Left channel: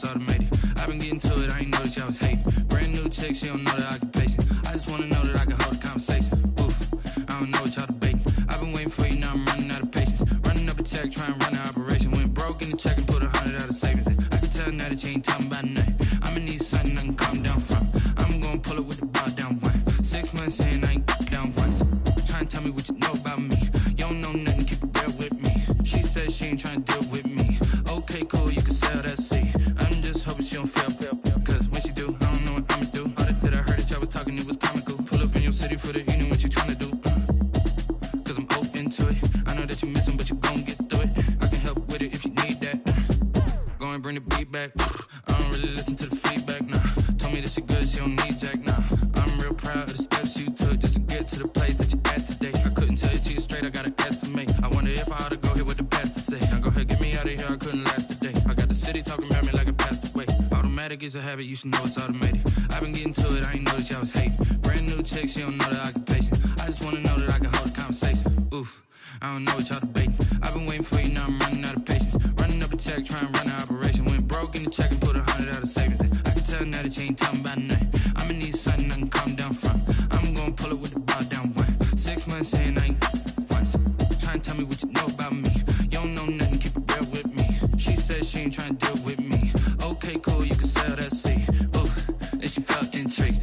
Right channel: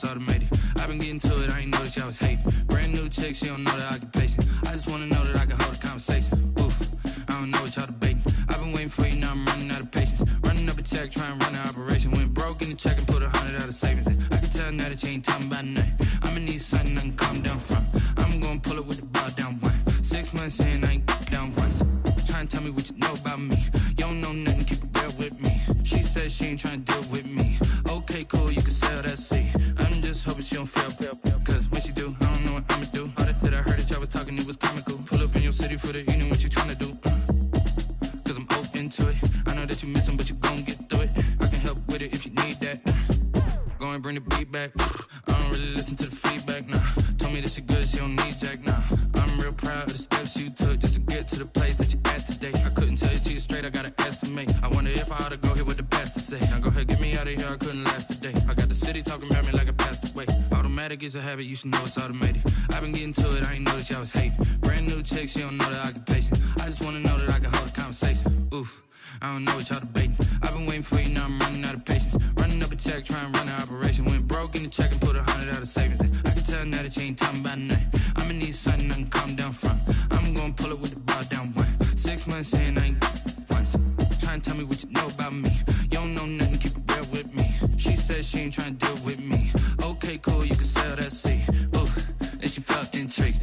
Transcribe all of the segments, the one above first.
it's automated. I've been getting to it, I ain't noticed y'all was hating. Brand new chick, she don't know the occupation. I just wanna know that I can hold a conversation. Oof, I don't know what y'all debating. I've been waiting for you, now I'm running out of patience. Running up a check, trying to run an operation. Went broke in the check and put 100 out of savings in. I can tell now that you ain't talking about nothing. I'ma need something I can calm down from. I'm gonna pull it with the bar down one. 6 months in, I ain't down once. Trying to tell me what you know about me. You don't know nothing, keep it real with me. She said she ain't trying to deal with me. Okay, cool, you can sell that seat. I'm just hoping she don't fail. Cause when she do, I don't know what I'ma do. All that I heard that y'all was talking, it was comical. Pull up in your city for the evening, what you trying to do? Cause I'm open to it. I know that you missing, but you gon' get through it. I can help with it if you need that. Go and bring the beat back. I don't really listen to the feedback, nah. Told me that she good, she don't need jack, nah. I'm real proud of the steps you took just to get to the place that you at today. I couldn't tell you to you straight, I gotta estimate. I wonder if I ought to go here with the pastor say. Now go ahead, get me out of here, I couldn't last a day. I got the city talking about me like I passed away. Automatic is a habit, you should know it's automated. I've been getting to it, I ain't noticed y'all was hating. Brand new chick, she don't know the occupation. I just wanna know that I can hold a conversation. Oof, I don't know what y'all debating. I've been waiting for you, now I'm running out of patience. Running up a check, trying to run an operation. Went broke in the check and put 100 out of savings in. I can tell now that you ain't talking about nothing. I'ma need something I can calm down from. I'm gonna pull it with the bar down one. 6 months in, I ain't once. Trying to tell me what you know about me. You don't know nothing, keep it real with me. She said she ain't trying to deal with me. Okay, cool, you can sell that seat. Ooh, and she felt intrigued.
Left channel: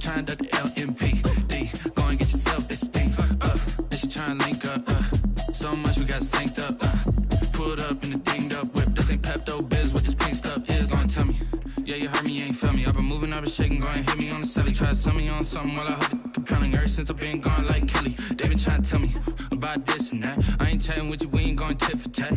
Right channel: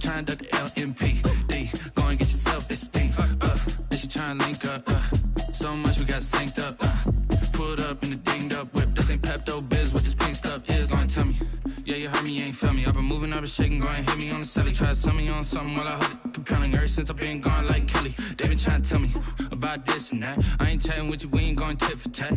Trying to duck the LMPD. Go and get yourself esteem. And she trying to link up. So much we got synced up. Pulled up in the dinged up whip. This ain't Pepto Biz, what this pink stuff is. Go and tell me. Yeah, you heard me, you ain't feel me. I've been moving, I've been shaking, go and hit me on the celly. Try to sell me on something while I hold it compelling. Ever since I've been gone like Kelly, they been trying to tell me about this and that. I ain't chatting with you, we ain't going tit for tat.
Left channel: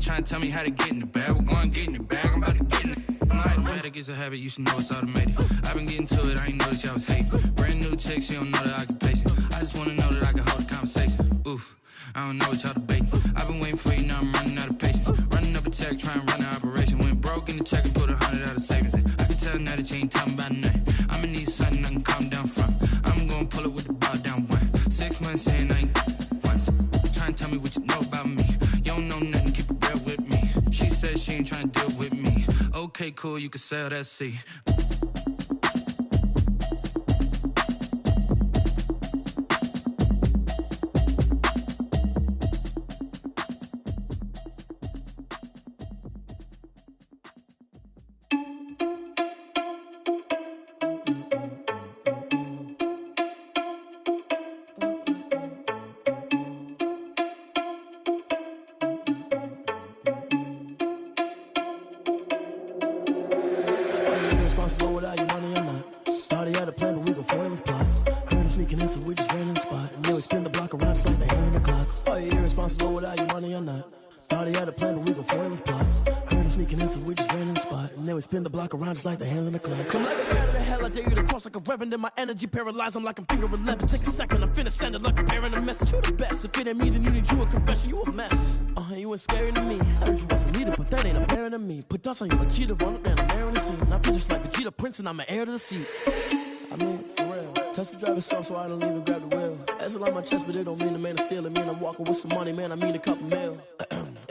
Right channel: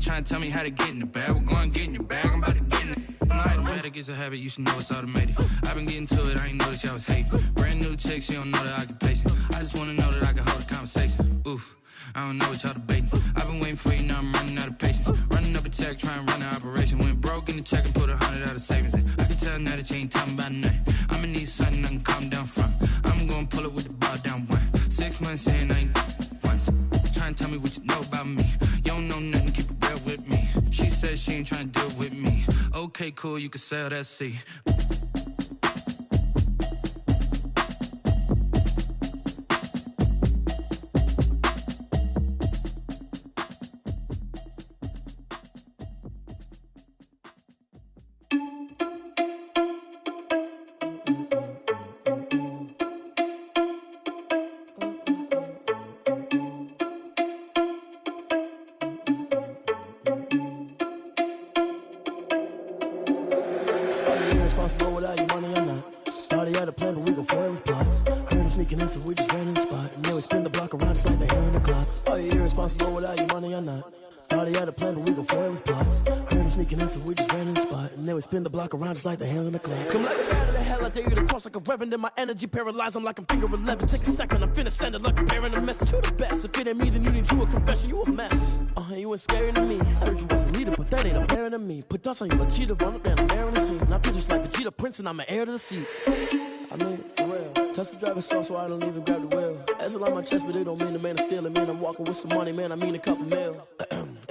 Trying to tell me how to get in the bag. We're going to get in the bag, I'm about to get in it. Automatic is a habit, you should know it's automated. I've been getting to it, I ain't noticed y'all was hating. Brand new chick, she don't know the occupation. I just wanna know that I can hold a conversation. Oof, I don't know what y'all debating. I've been waiting for you, now I'm running out of patience. Running up a check, trying to run an operation. Went broke in the check and put 100 out of savings in. I can tell now that you ain't talking about nothing. I'ma need something I can calm down from. I'm gonna pull it with the bar down one. 6 months in, I ain't once. Trying to tell me what you know about me. You don't know nothing, keep it real with me. She said she ain't trying to deal with me. Okay, cool, you can sell that seat. Irresponsible without your money or not. Thought he had a plan, but we gon' foil his plot. Heard him sneaking in, so we just ran in the spot. And then we spin the block around just like the hand on the clock. Are you irresponsible without your money or not? Thought he had a plan, but we gon' foil his plot. Heard him sneaking in, so we just ran in the spot. And then we spin the block around just like the hands on the clock. Come like a bat of the hell, I dare you to cross like a reverend. And my energy paralyzed, I'm like I'm finger 11. Take a second, I'm finna send it like a bearing a message. You the best, if it ain't me, then you need you a confession. You a mess, you ain't scary to me. Heard you was a leader, but that ain't apparent to me. Put dust on you like cheetah, run up down the air in the scene. And I feel just like Vegeta Prince, and I'm an heir to the seat. I mean, for real. Touch the driver's soft, so I don't even grab the wheel. That's on my chest, but it don't mean the man is stealing. Mean I'm walking with some money, man, I mean a couple mil.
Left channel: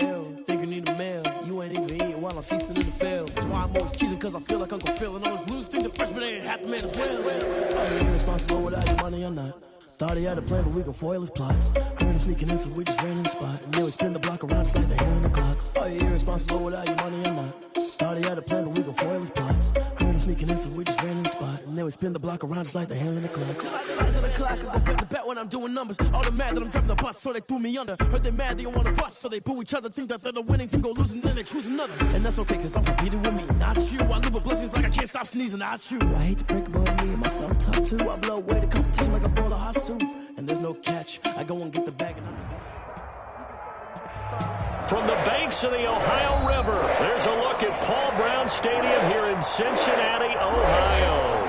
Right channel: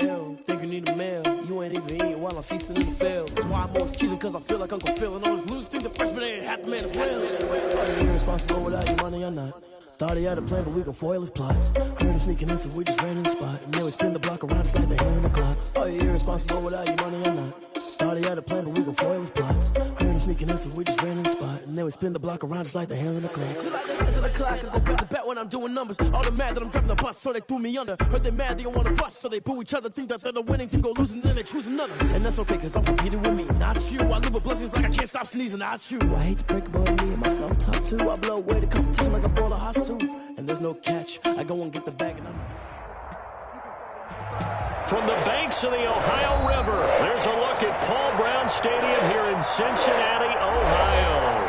Ew, think you need a meal. You ain't even eating while I'm feasting in the field. That's why I'm always cheesing, cause I feel like Uncle Phil. And all this losers think the freshman ain't half the man as well. Are you irresponsible without your money or not? Thought he had a plan, but we gon' foil his plot. Heard him sneaking in, so we just ran in the spot. And then we spin the block around just like the hand on the clock. Are you irresponsible without your money or not? Thought he had a plan, but we gon' foil his plot. Heard him sneaking in, so we just ran in the spot. And then we spin the block around just like the hands on the clock. Just like the hands on the clock, I go back to back when I'm doing numbers. All the mad that I'm driving the bus, so they threw me under. Heard they mad, they don't wanna bust, so they boo each other. Think that they're the winning team, go losing, then they choose another. And that's okay, cause I'm competing with me, not you. I live with blessings like I can't stop sneezing, not you. I hate to break it, but me and myself top two. I blow away the competition like a bowl of hot soup. And there's no catch, I go and get the bag and I'm... From the banks of the Ohio River, there's a look at Paul Brown Stadium here in Cincinnati, Ohio.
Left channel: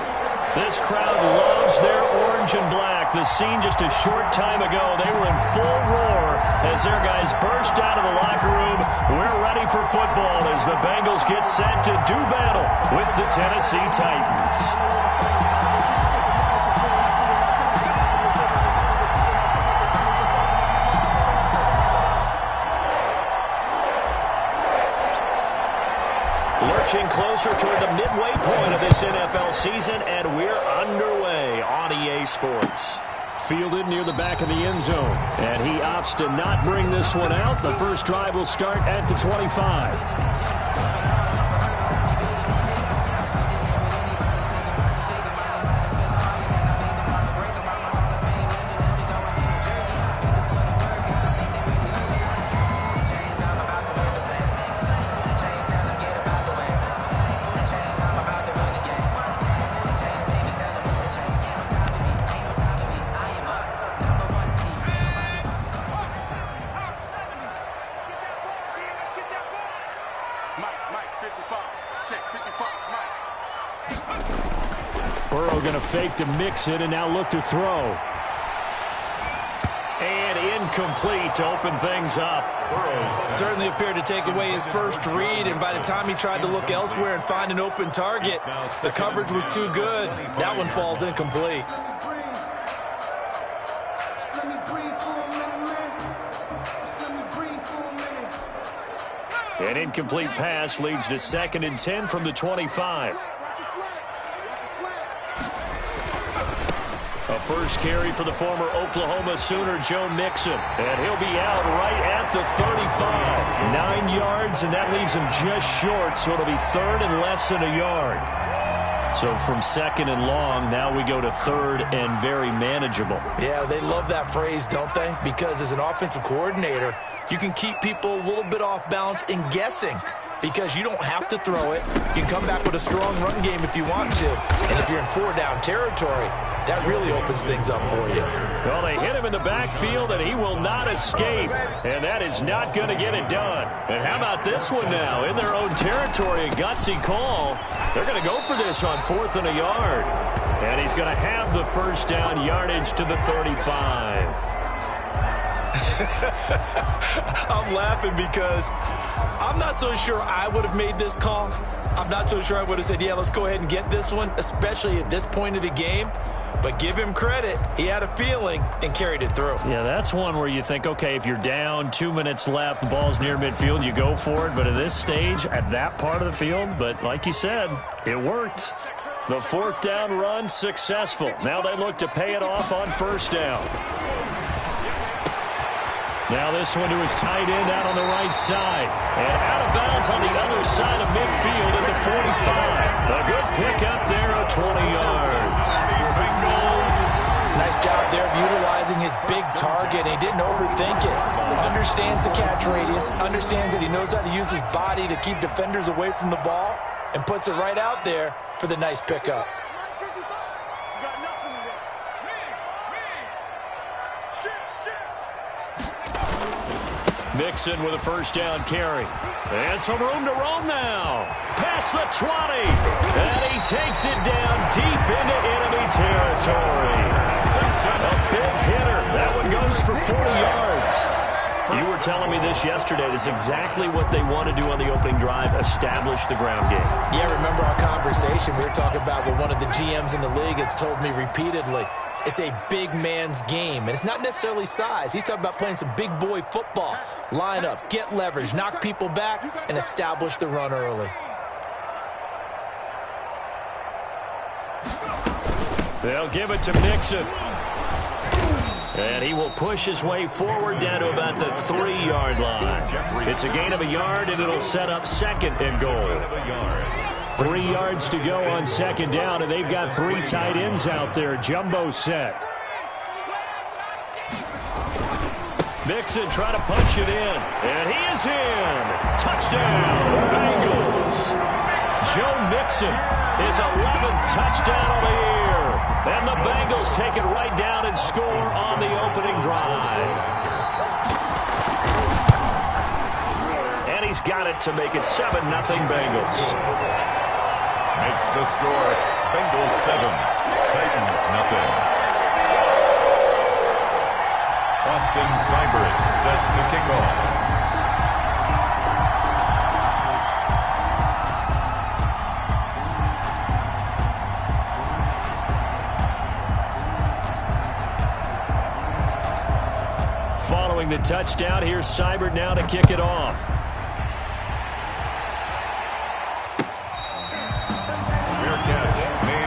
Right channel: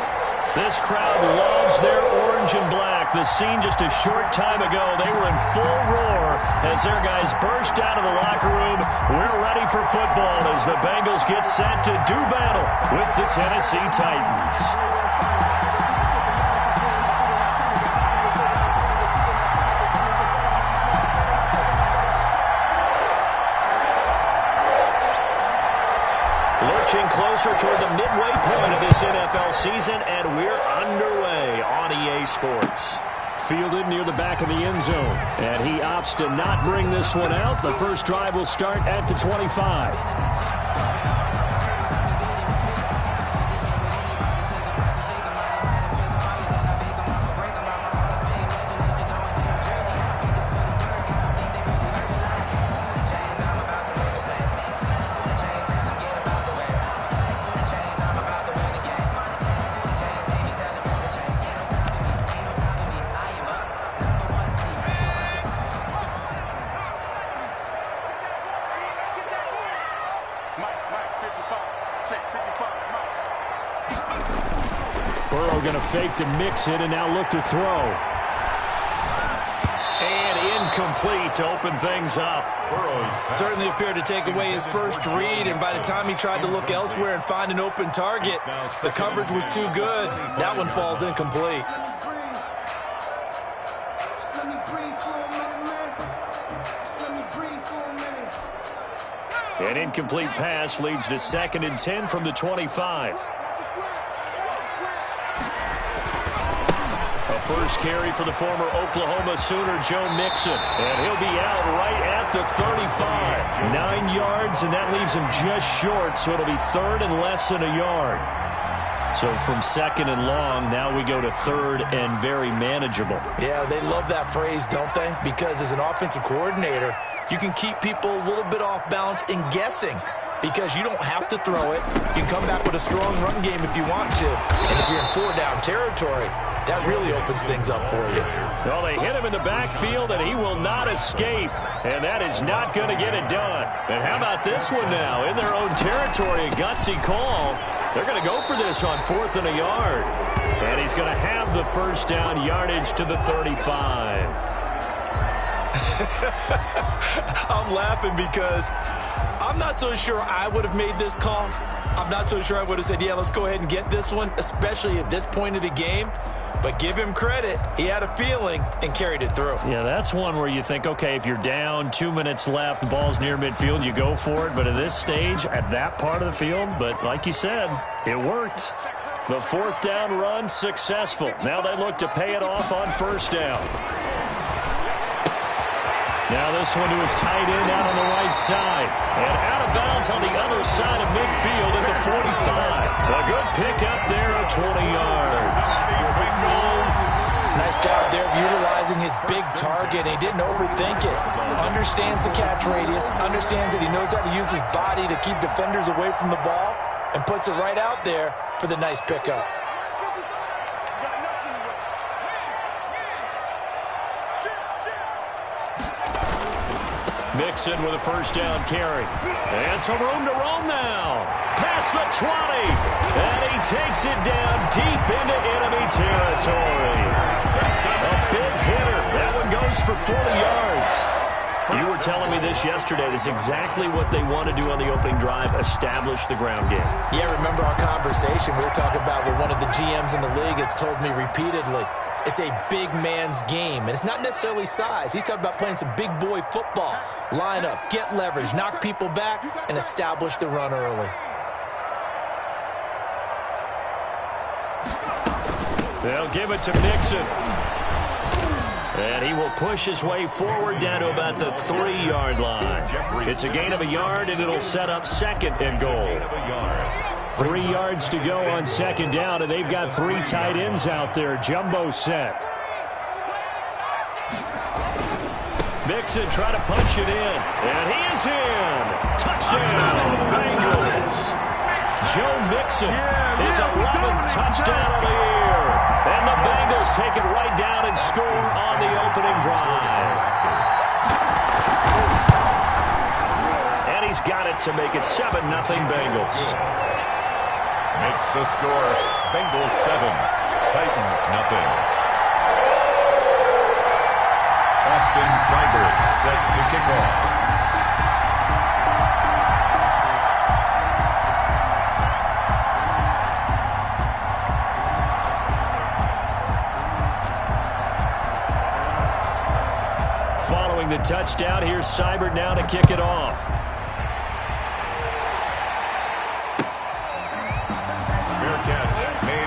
This crowd loves their orange and black. The scene just a short time ago, they were in full roar as their guys burst out of the locker room. We're ready for football as the Bengals get set to do battle with the Tennessee Titans. inching closer toward the midway point of this NFL season, and we're underway on EA Sports. Fielded near the back of the end zone, and he opts to not bring this one out. The first drive will start at the 25. Burrow going to fake to mix it and now look to throw. And incomplete to open things up. Certainly appeared to take away his first read, and by the time he tried to look elsewhere and find an open target, the coverage was too good. That one falls incomplete. An incomplete pass leads to 2nd and 10 from the 25. A first carry for the former Oklahoma Sooner, Joe Mixon. And he'll be out right at the 35. 9 yards, and that leaves him just short, so it'll be 3rd and less than a yard. So from 2nd and long, now we go to 3rd and very manageable. Yeah, they love that phrase, don't they? Because as an offensive coordinator, you can keep people a little bit off balance and guessing because you don't have to throw it. You can come back with a strong run game if you want to. And if you're in 4-down territory, that really opens things up for you. Well, they hit him in the backfield, and he will not escape. And that is not going to get it done. And how about this one now? In their own territory, a gutsy call. They're going to go for this on 4th and a yard. And he's going to have the first down yardage to the 35. I'm laughing because I'm not so sure I would have made this call. I'm not so sure I would have said, yeah, let's go ahead and get this one, especially at this point of the game. But give him credit. He had a feeling and carried it through. Yeah, that's one where you think, okay, if you're down, 2 minutes left, the ball's near midfield, you go for it. But at this stage, at that part of the field, but like you said, it worked. The 4th down run successful. Now they look to pay it off on 1st down. Now this one to his tight end out on the right side. And out of bounds on the other side of midfield at the 45. A good pickup there of 20 yards. Nice job there of utilizing his big target. He didn't overthink it. Understands the catch radius. Understands that he knows how to use his body to keep defenders away from the ball. And puts it right out there for the nice pickup. Mixon with a first down carry. And some room to roam now. Past the 20. And he takes it down deep into enemy territory. A big hitter. That one goes for 40 yards. You were telling me this yesterday. This is exactly what they want to do on the opening drive, establish the ground game. Yeah, remember our conversation. We were talking about what one of the GMs in the league has told me repeatedly. It's a big man's game, and it's not necessarily size. He's talking about playing some big boy football. Line up, get leverage, knock people back, and establish the run early. They'll give it to Mixon. And he will push his way forward down to about the 3-yard line. It's a gain of a yard, and it'll set up 2nd and goal. 3 yards to go on 2nd down, and they've got 3 tight ends out there. Jumbo set. Mixon trying to punch it in, and he is in. Touchdown, Bengals. Joe Mixon, his 11th touchdown of the year. And the Bengals take it right down and score on the opening drive. And he's got it to make it 7-0 Bengals. Makes the score Bengals 7, Titans 0. Austin Seibert set to kick off. Following the touchdown, here's Seibert now to kick it off.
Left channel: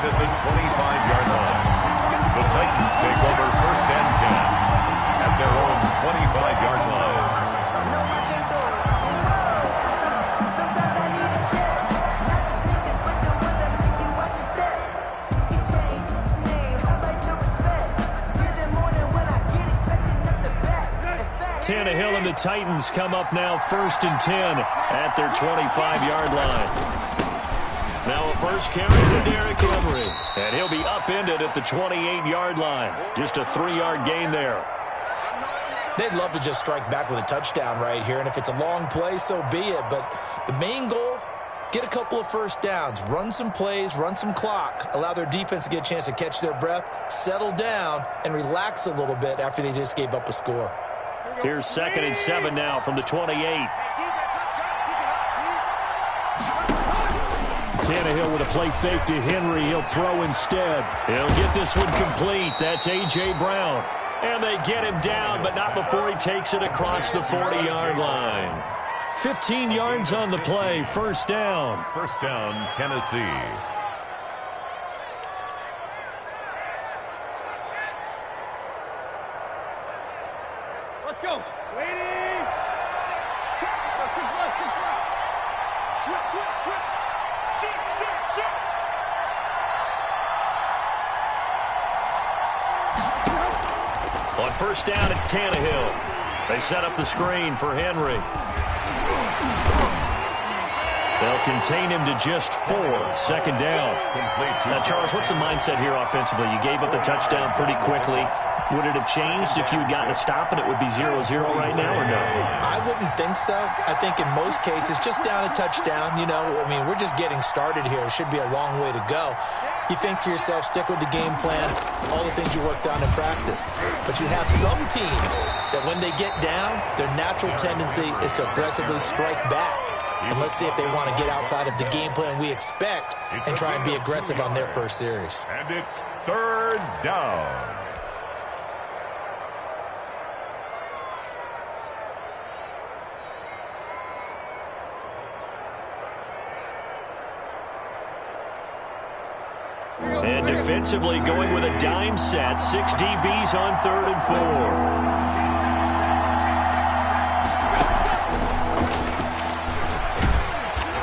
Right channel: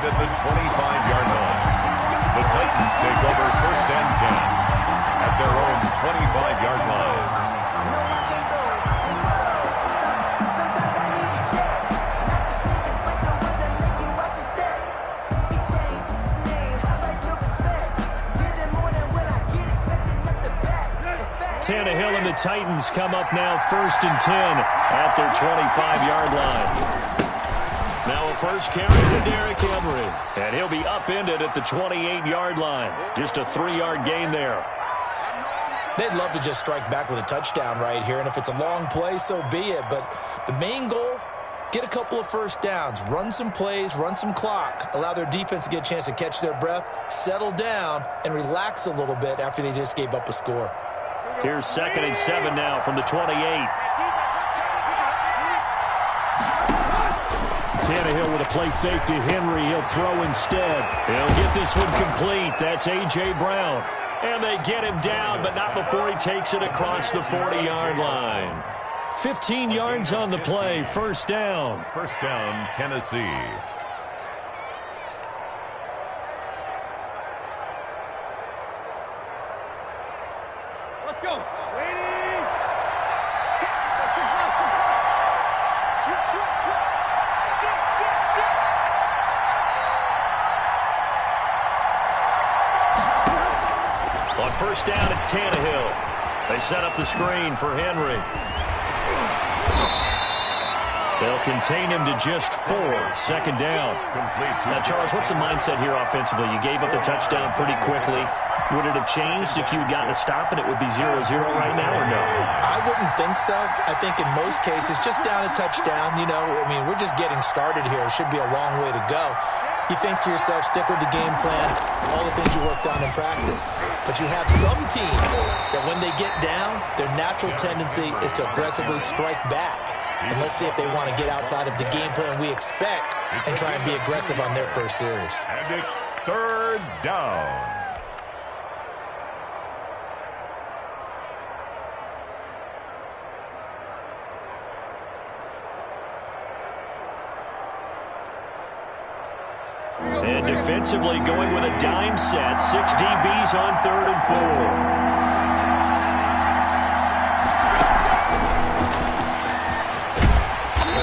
at the 25-yard line. The Titans take over 1st and 10 at their own 25-yard line. Sometimes I need a check, not the sneakers, but the ones that make you watch your step. You change name, how about your respect? Get in morning when I get expecting up the back. Tannehill and the Titans come up now 1st and 10 at their 25-yard line. Now a first carry to Derrick Henry, and he'll be upended at the 28-yard line. Just a 3-yard gain there. They'd love to just strike back with a touchdown right here, and if it's a long play, so be it. But the main goal, get a couple of first downs, run some plays, run some clock, allow their defense to get a chance to catch their breath, settle down, and relax a little bit after they just gave up a score. Here's 2nd and 7 now from the 28. Tannehill with a play fake to Henry. He'll throw instead. He'll get this one complete. That's A.J. Brown. And they get him down, but not before he takes it across the 40-yard line. 15 yards on the play. First down. First down, Tennessee. Let's go. Waiting. Switch. Shit. On first down, it's Tannehill. They set up the screen for Henry. They'll contain him to just 4. 2nd down. Now, Charles, what's the mindset here offensively? You gave up the touchdown pretty quickly. Would it have changed if you had gotten a stop and it would be 0-0 right now, or no? I wouldn't think so. I think in most cases, just down a touchdown, we're just getting started here. It should be a long way to go. You think to yourself, stick with the game plan, all the things you worked on in practice. But you have some teams that when they get down, their natural tendency is to aggressively strike back. And let's see if they want to get outside of the game plan we expect and try and be aggressive on their first series. And it's 3rd down. And defensively going with a dime set. 6 DBs on 3rd and 4.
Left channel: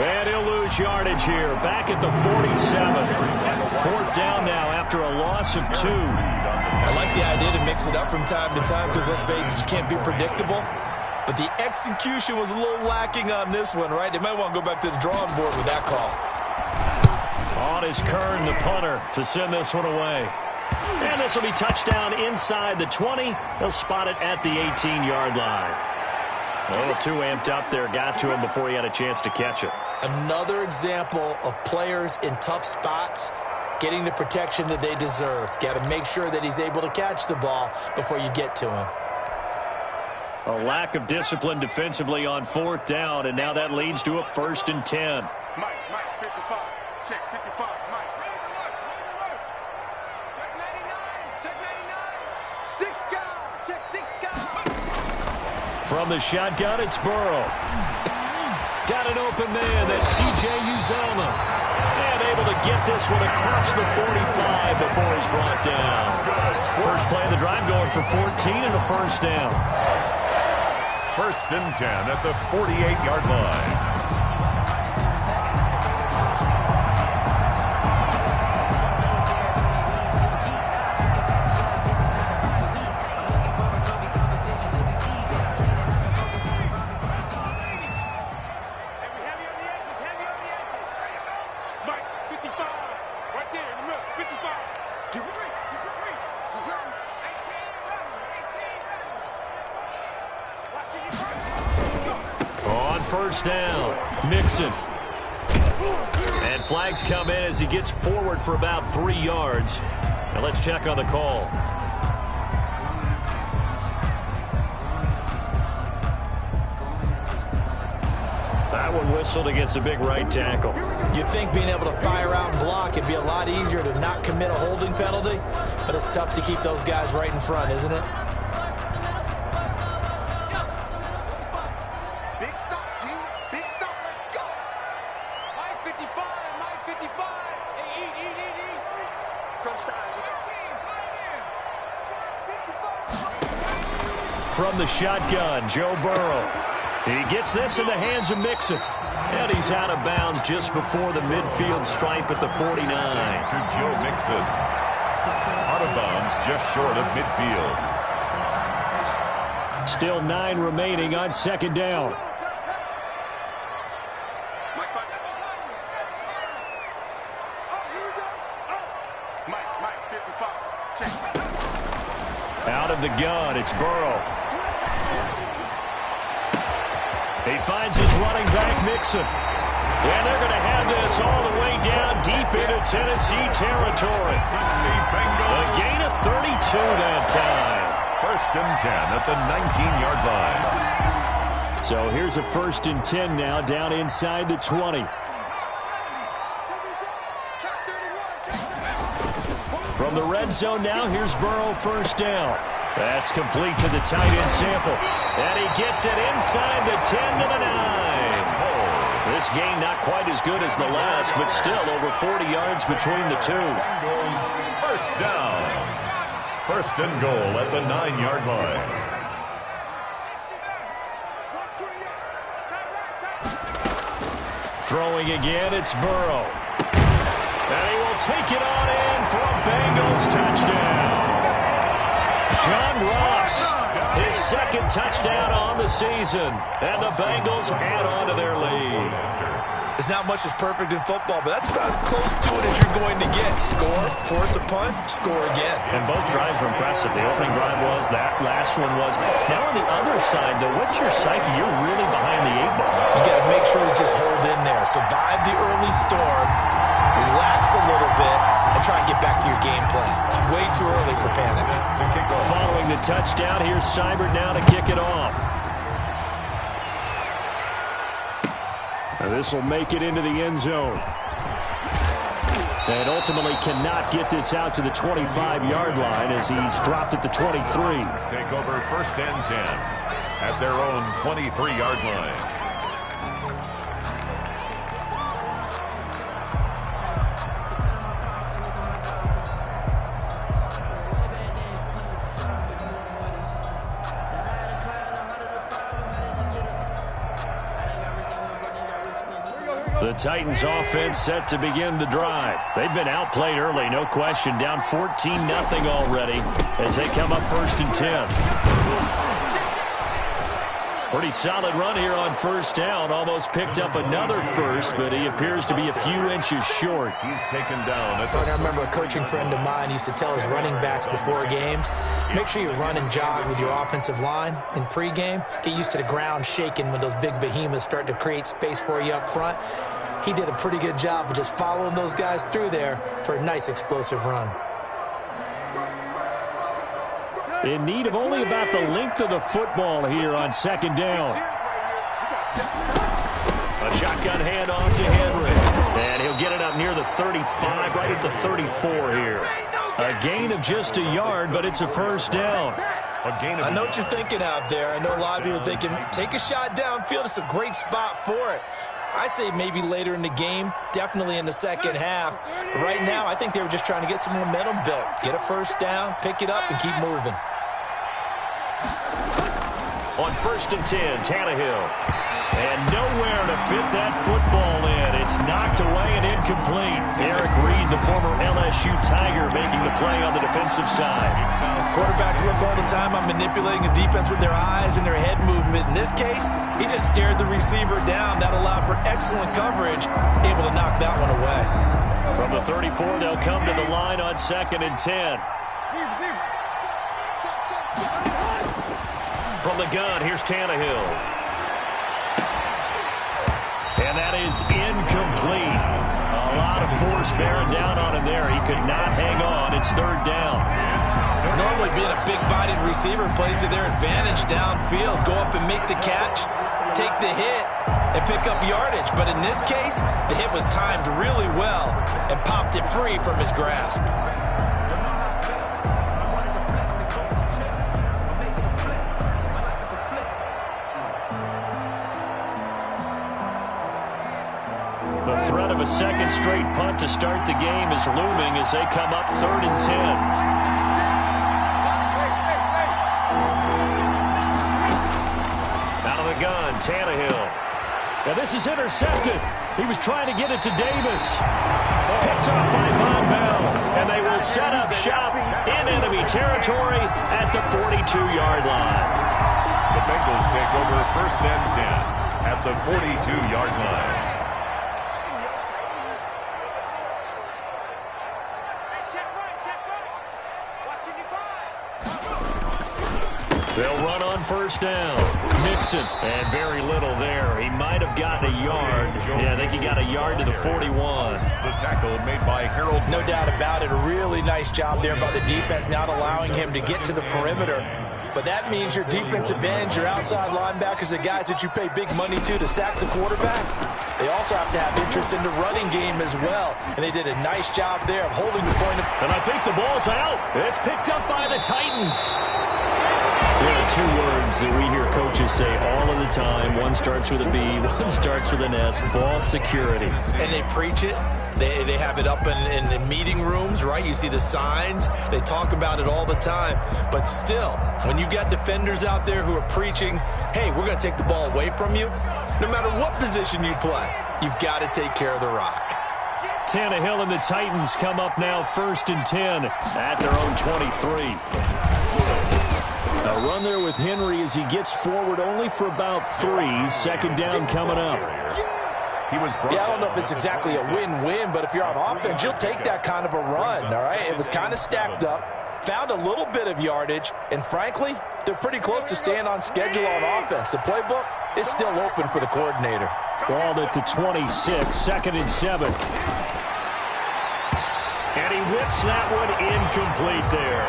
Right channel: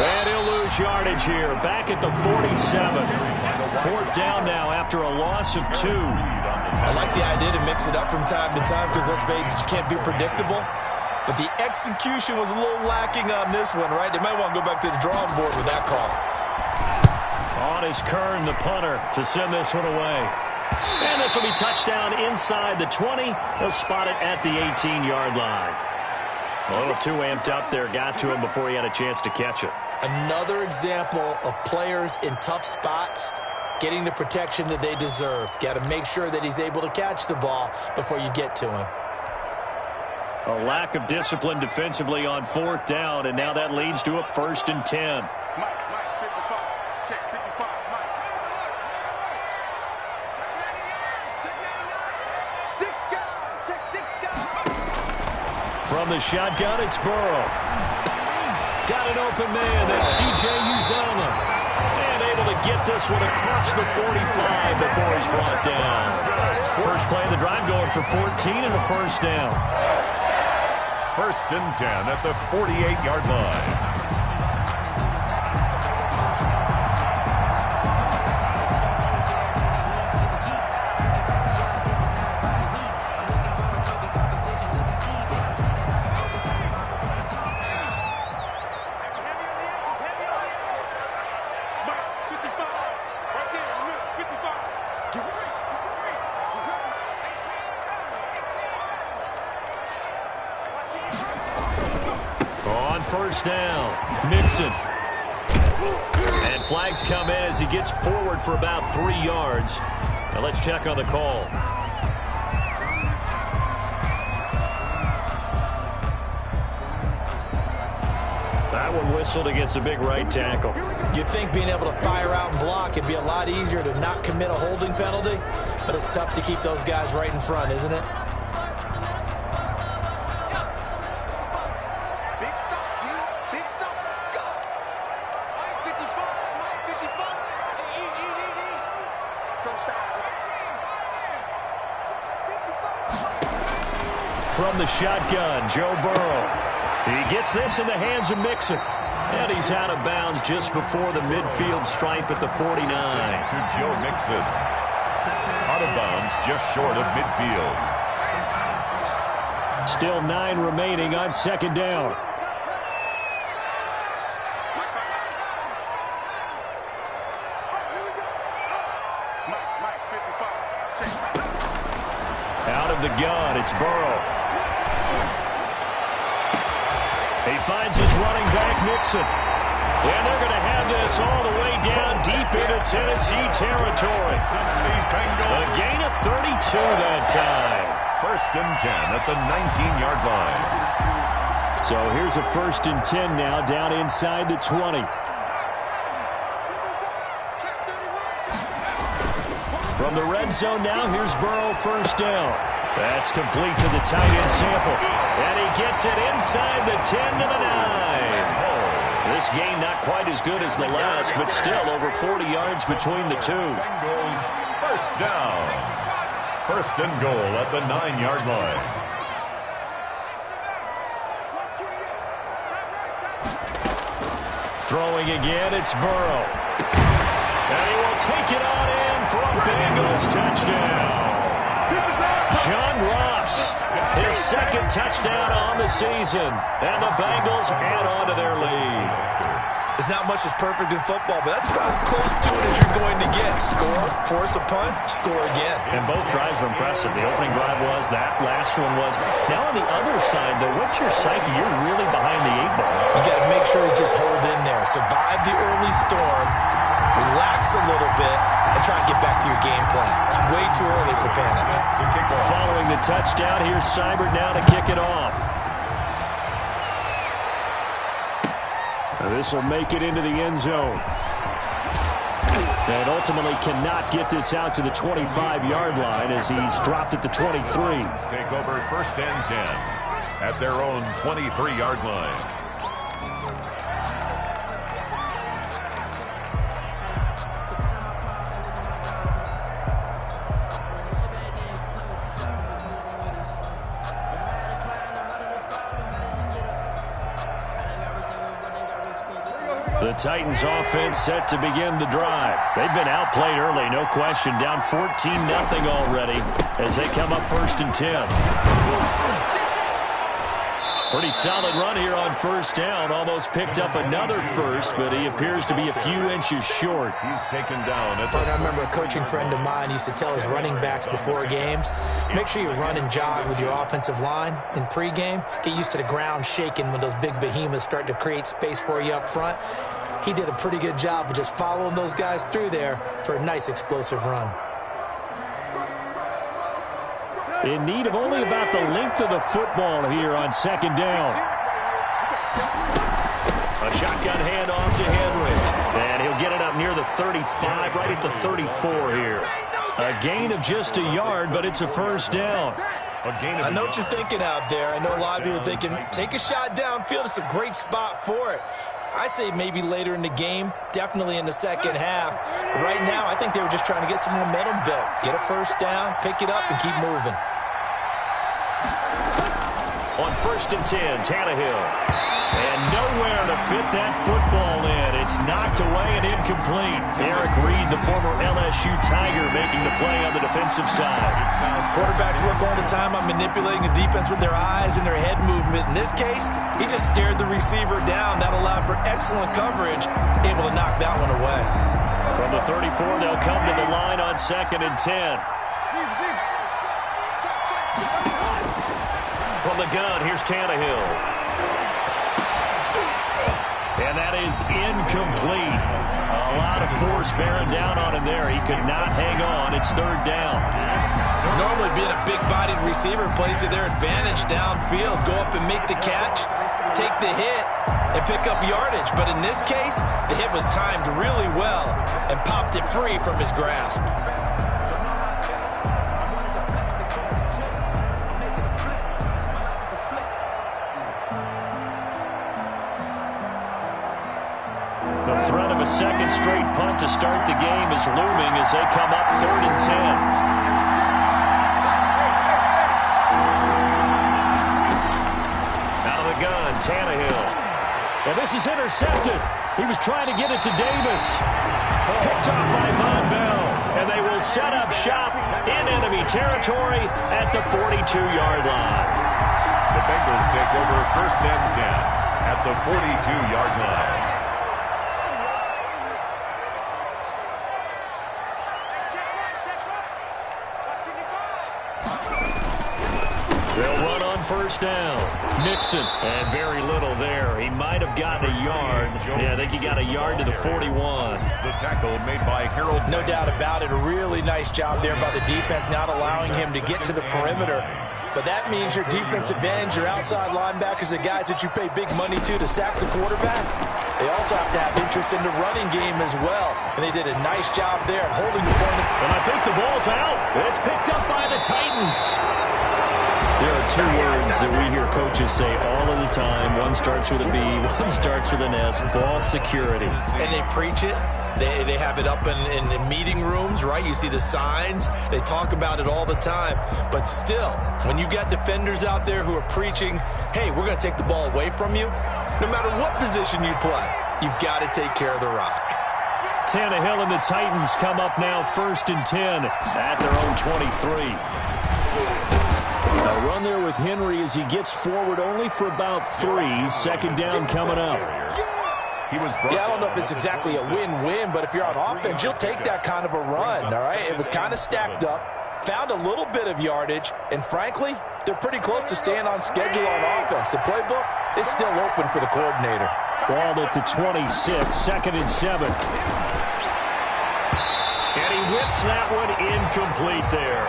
And he'll lose yardage here. Back at the 47. 4th down now after a loss of 2. I like the idea to mix it up from time to time because, let's face it, you can't be predictable. But the execution was a little lacking on this one, right? They might want to go back to the drawing board with that call. On is Kern, the punter, to send this one away. And this will be touchdown inside the 20. They'll spot it at the 18-yard line. A little too amped up there. Got to him before he had a chance to catch it. Another example of players in tough spots getting the protection that they deserve. Got to make sure that he's able to catch the ball before you get to him. A lack of discipline defensively on 4th down, and now that leads to a 1st and 10. Mike, 55. Check 55, Mike. Check 99. 6 guard. Check 6 guard. From the shotgun, it's Burrow. Got an open man. That's C.J. Uzomah. And able to get this one across the 45 before he's brought down. First play of the drive going for 14 and a first down. 1st and 10 at the 48-yard line. First down, Mixon. And flags come in as he gets forward for about 3 yards. Now let's check on the call. That one whistled against a big right tackle. You'd think being able to fire out and block, it'd be a lot easier to not commit a holding penalty, but it's tough to keep those guys right in front, isn't it? From the shotgun, Joe Burrow. He gets this in the hands of Mixon. And he's out of bounds just before the midfield stripe at the 49. To Joe Mixon. Out of bounds just short of midfield. Still 9 remaining on second down. Mike, 55. Check. Out of the gun, it's Burrow. He finds his running back, Mixon. And they're going to have this all the way down deep into Tennessee territory. A gain of 32 that time. 1st and 10 at the 19-yard line. So here's a 1st and 10 now down inside the 20. From the red zone now, here's Burrow, 1st down. That's complete to the tight end Sample. And he gets it inside the 10 to the 9. This game not quite as good as the last, but still over 40 yards between the two. Bengals 1st down. 1st and goal at the 9-yard line. Throwing again, it's Burrow. And he will take it on in for a Bengals touchdown. John Ross, his 2nd touchdown on the season. And the Bengals add on to their lead. There's not much that's perfect in football, but that's about as close to it as you're going to get. Score, force a punt, score again. And both drives were impressive. The opening drive was, that last one was. Now on the other side, though, what's your psyche? You're really behind the 8 ball. You got to make sure you just hold in there. Survive the early storm, relax a little bit, and try and get back to your game plan. It's way too early for panic. Following the touchdown, here's Seibert now to kick it off. This will make it into the end zone. And ultimately cannot get this out to the 25-yard line as he's dropped at the 23. Take over 1st and 10 at their own 23-yard line. The Titans offense set to begin the drive. They've been outplayed early, no question. Down 14-0 already as they come up 1st and 10. Pretty solid run here on 1st down. Almost picked up another first, but he appears to be a few inches short. He's taken down at I remember a coaching friend of mine used to tell his running backs before games, make sure you run and jog with your offensive line in pregame. Get used to the ground shaking when those big behemoths start to create space for you up front. He did a pretty good job of just following those guys through there for a nice explosive run. In need of only about the length of the football here on 2nd down. A shotgun handoff to Henry. And he'll get it up near the 35, right at the 34 here. A gain of just a yard, but it's a 1st down. I know what you're thinking out there. I know a lot of you are thinking, take a shot downfield. It's a great spot for it. I'd say maybe later in the game, definitely in the 2nd half. But right now, I think they were just trying to get some momentum built. Get a 1st down, pick it up, and keep moving. On 1st and 10, Tannehill. And nowhere to fit that football in. It's knocked away and incomplete. Eric Reed, the former LSU Tiger, making the play on the defensive side. Quarterbacks work all the time on manipulating a defense with their eyes and their head movement. In this case, he just stared the receiver down. That allowed for excellent coverage, able to knock that one away. From the 34, they'll come to the line on 2nd and 10. From the gun, here's Tannehill. And that is incomplete. A lot of force bearing down on him there. He could not hang on. It's 3rd down. Normally being a big-bodied receiver plays to their advantage downfield. Go up and make the catch, take the hit, and pick up yardage. But in this case, the hit was timed really well and popped it free from his grasp. threat of a second straight punt to start the game is looming as they come up 3rd and 10. Out of the gun, Tannehill. Now this is intercepted. He was trying to get it to Davis. Picked off by Von Bell. And they will set up shop in enemy territory at the 42-yard line. The Bengals take over 1st and 10 at the 42-yard line. They'll run on 1st down. Mixon, and very little there. He might have gotten a yard. Yeah, I think he got a yard to the 41. The tackle made by Harold. No doubt about it. A really nice job there by the defense, not allowing him to get to the perimeter. But that means your defensive ends, your outside linebackers, the guys that you pay big money to sack the quarterback, they also have to have interest in the running game as well. And they did a nice job there of holding the point. And I think the ball's out. It's picked up by the Titans. There are 2 words that we hear coaches say all of the time. One starts with a B, one starts with an S, ball security. And they preach it. They have it up in meeting rooms, right? You see the signs. They talk about it all the time. But still, when you've got defenders out there who are preaching, hey, we're going to take the ball away from you, no matter what position you play, you've got to take care of the rock. Tannehill and the Titans come up now 1st and 10 at their own 23. A run there with Henry as he gets forward only for about 3. 2nd down coming up. Yeah, I don't know if it's exactly a win-win, but if you're on offense, you'll take that kind of a run, all right? It was kind of stacked up, found a little bit of yardage, and frankly, they're pretty close to staying on schedule on offense. The playbook is still open for the coordinator. Ball at the 26, 2nd and 7. And he whips that one incomplete there.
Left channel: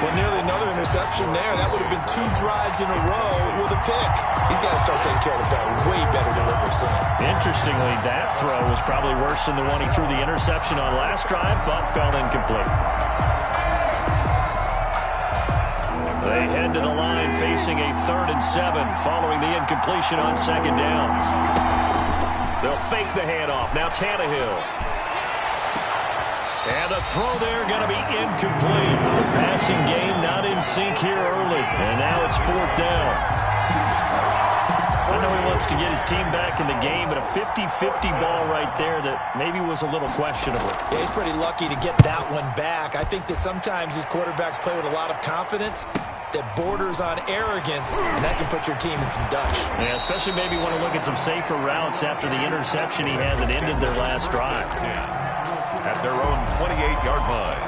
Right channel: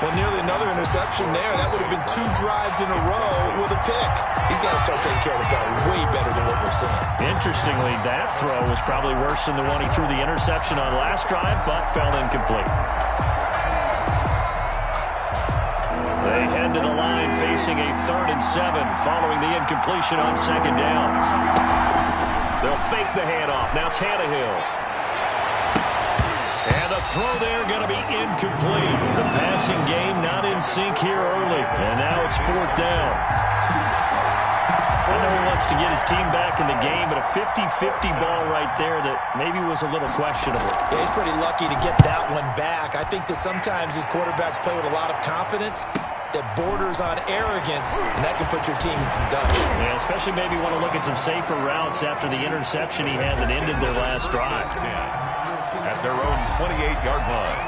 Well, nearly another interception there. That would have been 2 drives in a row with a pick. He's got to start taking care of the ball way better than what we're seeing. Interestingly, that throw was probably worse than the one he threw the interception on last drive, but fell incomplete. They head to the line facing a 3rd and 7 following the incompletion on 2nd down. They'll fake the handoff. Now Tannehill. And the throw there going to be incomplete. The passing game not in sync here early. And now it's 4th down. I know he wants to get his team back in the game, but a 50-50 ball right there that maybe was a little questionable. Yeah, he's pretty lucky to get that one back. I think that sometimes these quarterbacks play with a lot of confidence that borders on arrogance, and that can put your team in some Dutch. Yeah, especially maybe want to look at some safer routes after the interception he had that ended their last drive. At their own 28-yard line.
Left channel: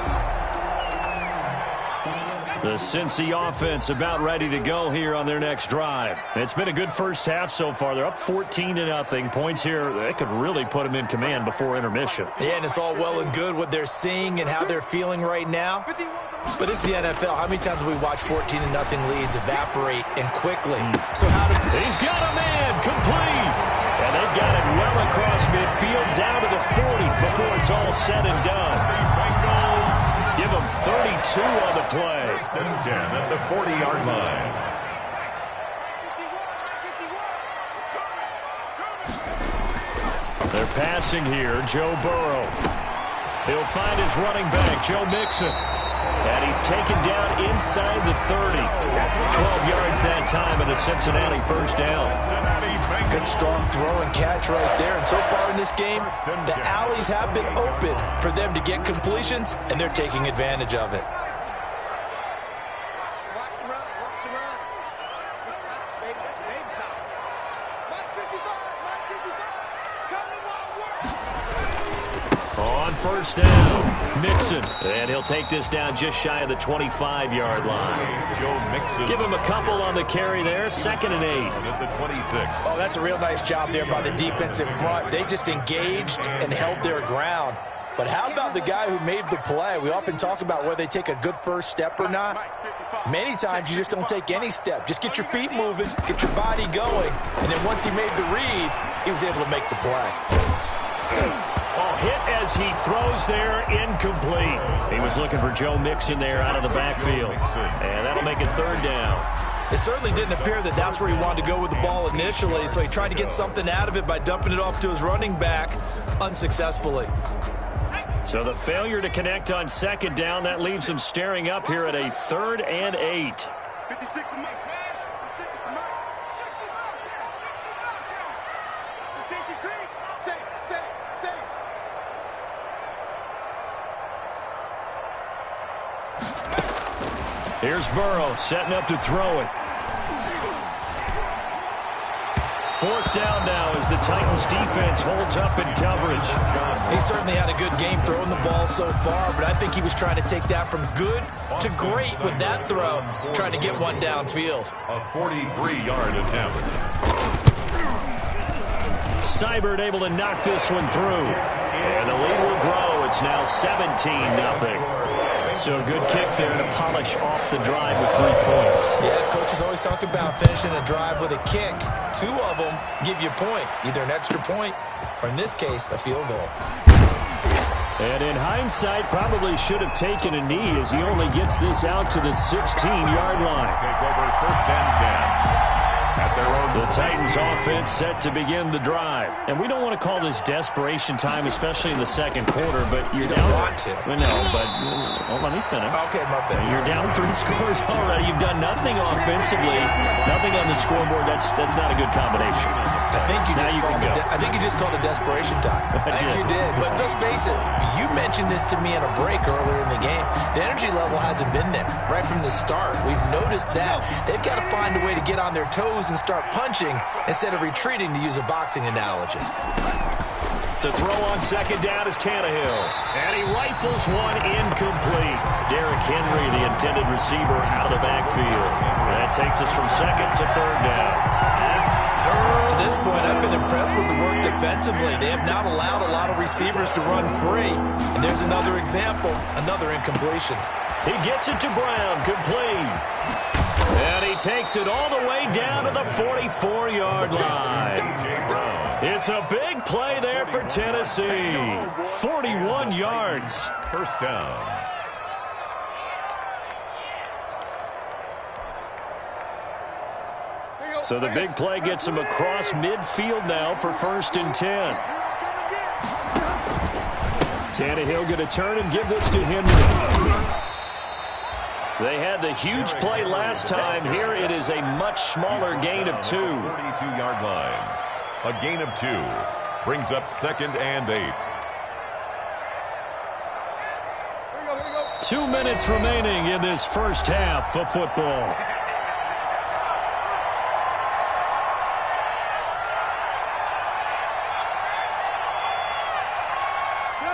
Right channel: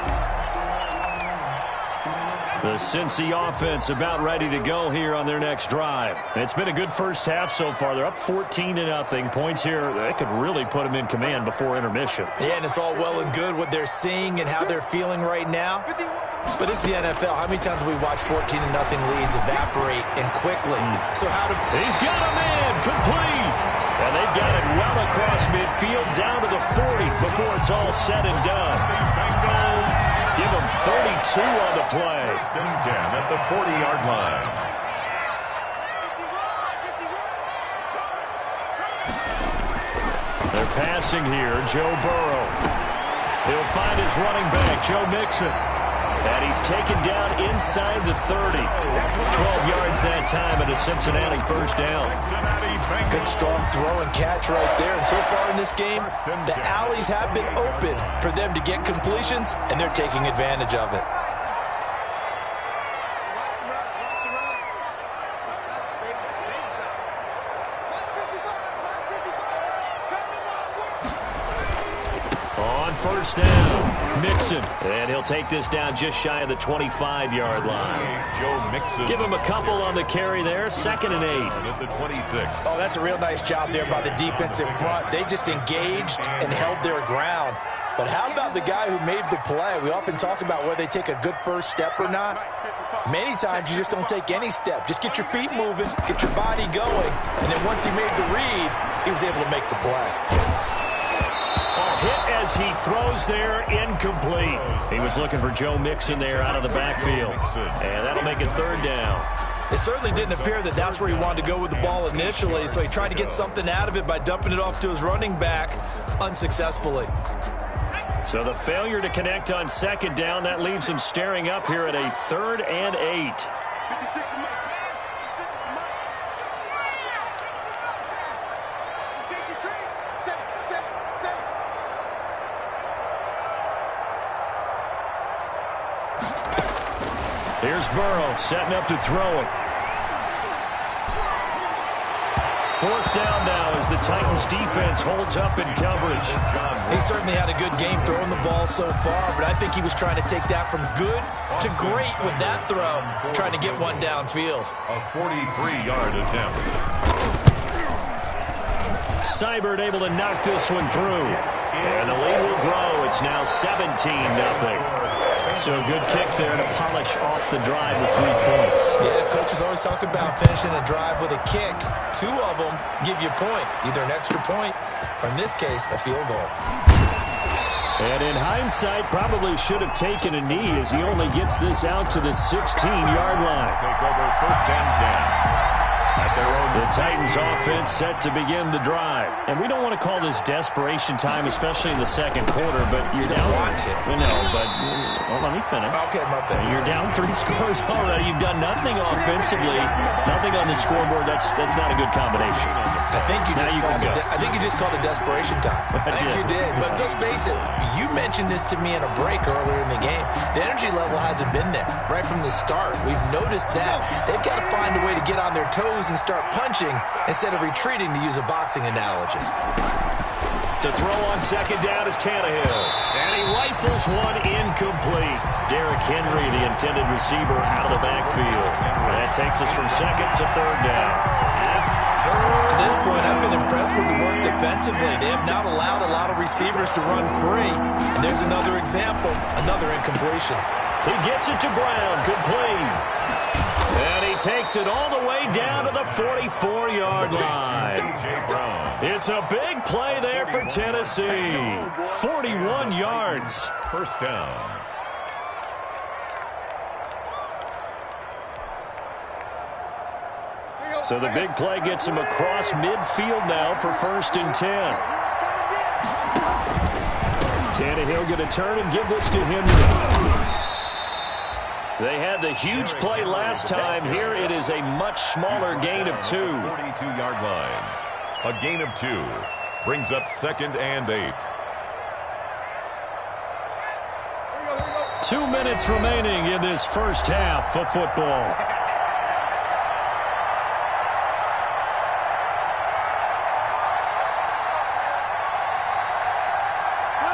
The Cincy offense about ready to go here on their next drive. It's been a good first half so far. They're up 14-0. Points here, they could really put them in command before intermission. Yeah, and it's all well and good what they're seeing and how they're feeling right now. But it's the NFL. How many times have we watched 14-0 leads evaporate and quickly? So how do... He's got a man complete. And they've got it well across midfield down to the 40 before it's all said and done. Bengals give them 32 on the play. 1st and 10 at the 40-yard line. They're passing here. Joe Burrow. He'll find his running back, Joe Mixon. And he's taken down inside the 30. 12 yards that time and a Cincinnati 1st down. Good strong throw and catch right there. And so far in this game, the alleys have been open for them to get completions, and they're taking advantage of it. On 1st down, Mixon. And he'll take this down just shy of the 25-yard line. Joe Mixon. Give him a couple on the carry there. 2nd and 8. At the 26. Oh, that's a real nice job there by the defense in front. They just engaged and held their ground. But how about the guy who made the play? We often talk about whether they take a good first step or not. Many times you just don't take any step. Just get your feet moving, get your body going, and then once he made the read, he was able to make the play. Hit as he throws there, incomplete. He was looking for Joe Mixon there out of the backfield. And that'll make it 3rd down. It certainly didn't appear that that's where he wanted to go with the ball initially, so he tried to get something out of it by dumping it off to his running back. unsuccessfully. So the failure to connect on second down, that leaves him staring up here at a 3rd and 8. 56 to Mike. Stick it to Mike. 60 it's a safety creek. Say. Here's Burrow setting up to throw it. 4th down now as the Titans defense holds up in coverage. He certainly had a good game throwing the ball so far, but I think he was trying to take that from good to great with that throw, trying to get one downfield. A 43-yard attempt. Seibert able to knock this one through. And the lead will grow. It's now 17-0. So a good kick there to polish off the drive with 3 points. Yeah, coaches always talk about finishing a drive with a kick. 2 of them give you points, either an extra point or, in this case, a field goal. And in hindsight, probably should have taken a knee as he only gets this out to the 16-yard line. Take over 1st and 10. At their own the Titans offense set to begin the drive. And we don't want to call this desperation time, especially in the second quarter, but you don't want to. No, but well, let me finish. Okay, my bad. You're down 3 scores already. You've done nothing offensively, nothing on the scoreboard. That's not a good combination. I think you just called it desperation time. I think you did. But let's face it, you mentioned this to me in a break earlier in the game. The energy level hasn't been there right from the start. We've noticed that. They've got to find a way to get on their toes and start punching instead of retreating, to use a boxing analogy. To throw on second down is Tannehill. And he rifles one incomplete. Derrick Henry, the intended receiver, out of the backfield. That takes us from second to 3rd down. To this point, I've been impressed with the work defensively. They have not allowed a lot of receivers to run free. And there's another example, another incompletion. He gets it to Brown, complete. And he takes it all the way down to the 44-yard line. It's a big play there for Tennessee. 41 yards. 1st down. So the big play gets him across midfield now for 1st and 10. Tannehill going to turn and give this to Henry. They had the huge play last time. Here it is a much smaller gain of 2. 42-yard line. A gain of 2 brings up 2nd and 8. 2 minutes remaining in this first half of football.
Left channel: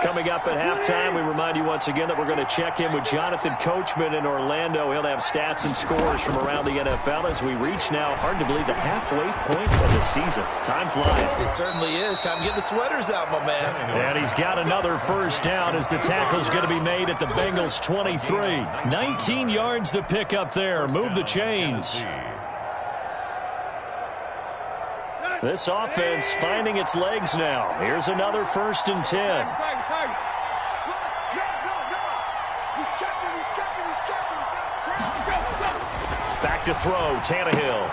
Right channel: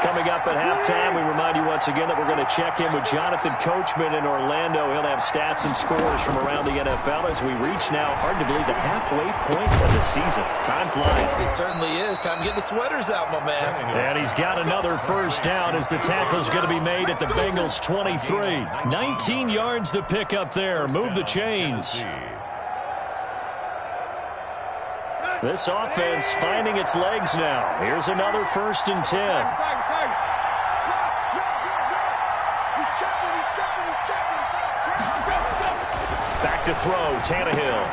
Coming up at halftime, we remind you once again that we're going to check in with Jonathan Coachman in Orlando. He'll have stats and scores from around the NFL as we reach now, hard to believe, the halfway point of the season. Time flying. It certainly is. Time to get the sweaters out, my man. And he's got another 1st down as the tackle's going to be made at the Bengals' 23. 19 yards to pick up there. Move the chains. This offense finding its legs now. Here's another 1st and 10. Back to throw, Tannehill.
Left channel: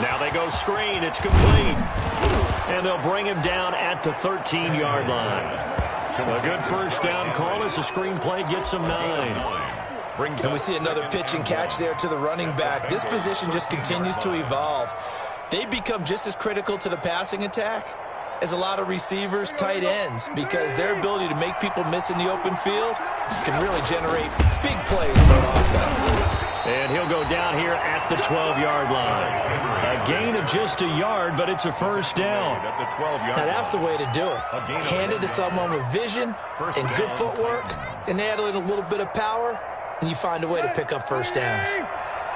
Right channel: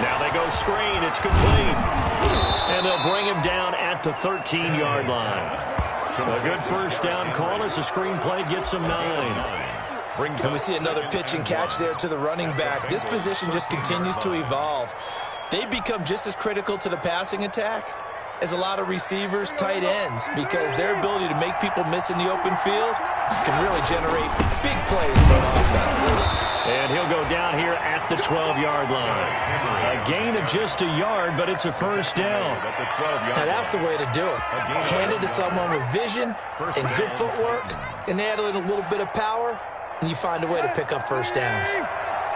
Now they go screen. It's complete. And they'll bring him down at the 13-yard line. A good 1st down call as the screen play gets him 9. And we see another pitch and catch there to the running back. This position just continues to evolve. They become just as critical to the passing attack as a lot of receivers, tight ends, because their ability to make people miss in the open field can really generate big plays for an offense. And he'll go down here at the 12-yard line. A gain of just a yard, but it's a 1st down. Now that's the way to do it. Hand it to someone with vision and good footwork, and add in a little bit of power, and you find a way to pick up 1st downs.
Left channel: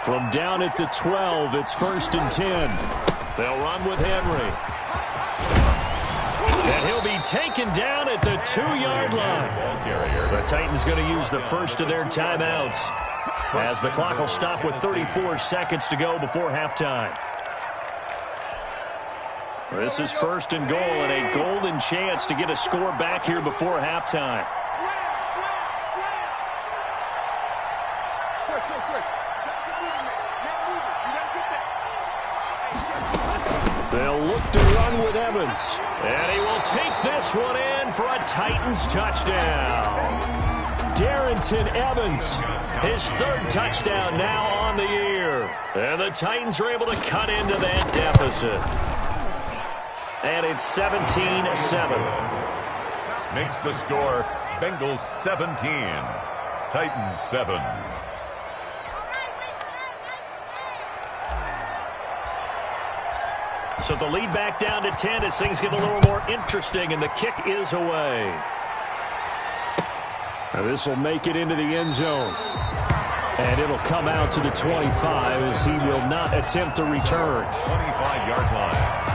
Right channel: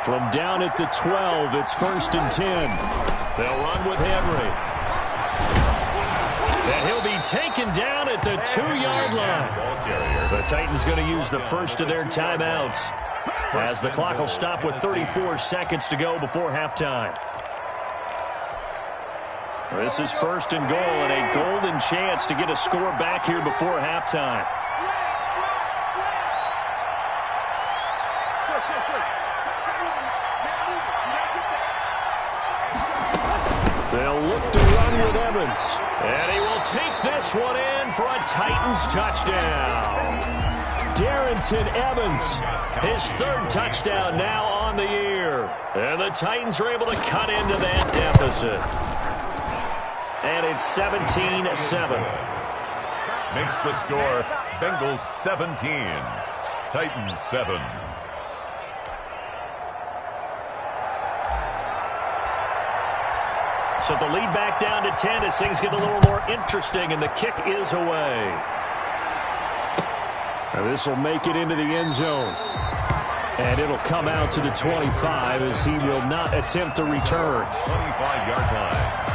From down at the 12, it's 1st and 10. They'll run with Henry. And he'll be taken down at the 2-yard line. The Titans going to use the first of their timeouts as the clock will stop with 34 seconds to go before halftime. This is 1st and goal and a golden chance to get a score back here before halftime. They'll look to run with Evans. And he will take this one in for a Titans touchdown. Darrington Evans, his third touchdown now on the year. And the Titans are able to cut into that deficit. And it's 17-7. Makes the score Bengals 17, Titans 7. So the lead back down to 10 as things get a little more interesting, and the kick is away. This will make it into the end zone. And it'll come out to the 25 as he will not attempt to return. 25-yard line.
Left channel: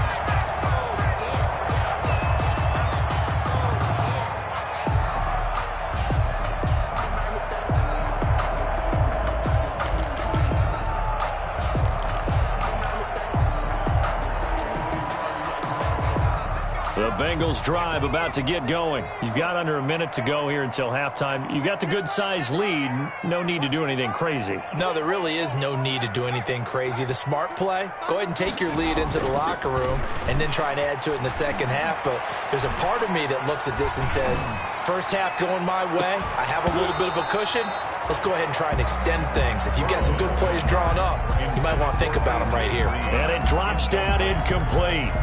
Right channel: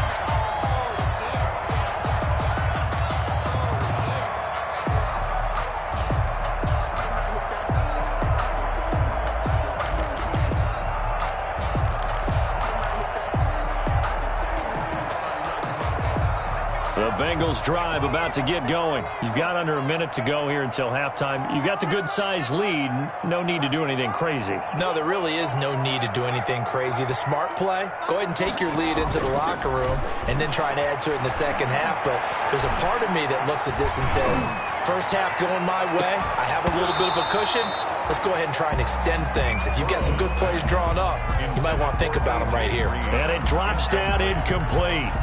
The Bengals drive about to get going. You've got under a minute to go here until halftime. You got the good-sized lead. No need to do anything crazy. No, there really is no need to do anything crazy. The smart play, go ahead and take your lead into the locker room and then try and add to it in the second half. But there's a part of me that looks at this and says, first half going my way, I have a little bit of a cushion. Let's go ahead and try and extend things. If you've got some good plays drawn up, you might want to think about them right here. And it drops down incomplete.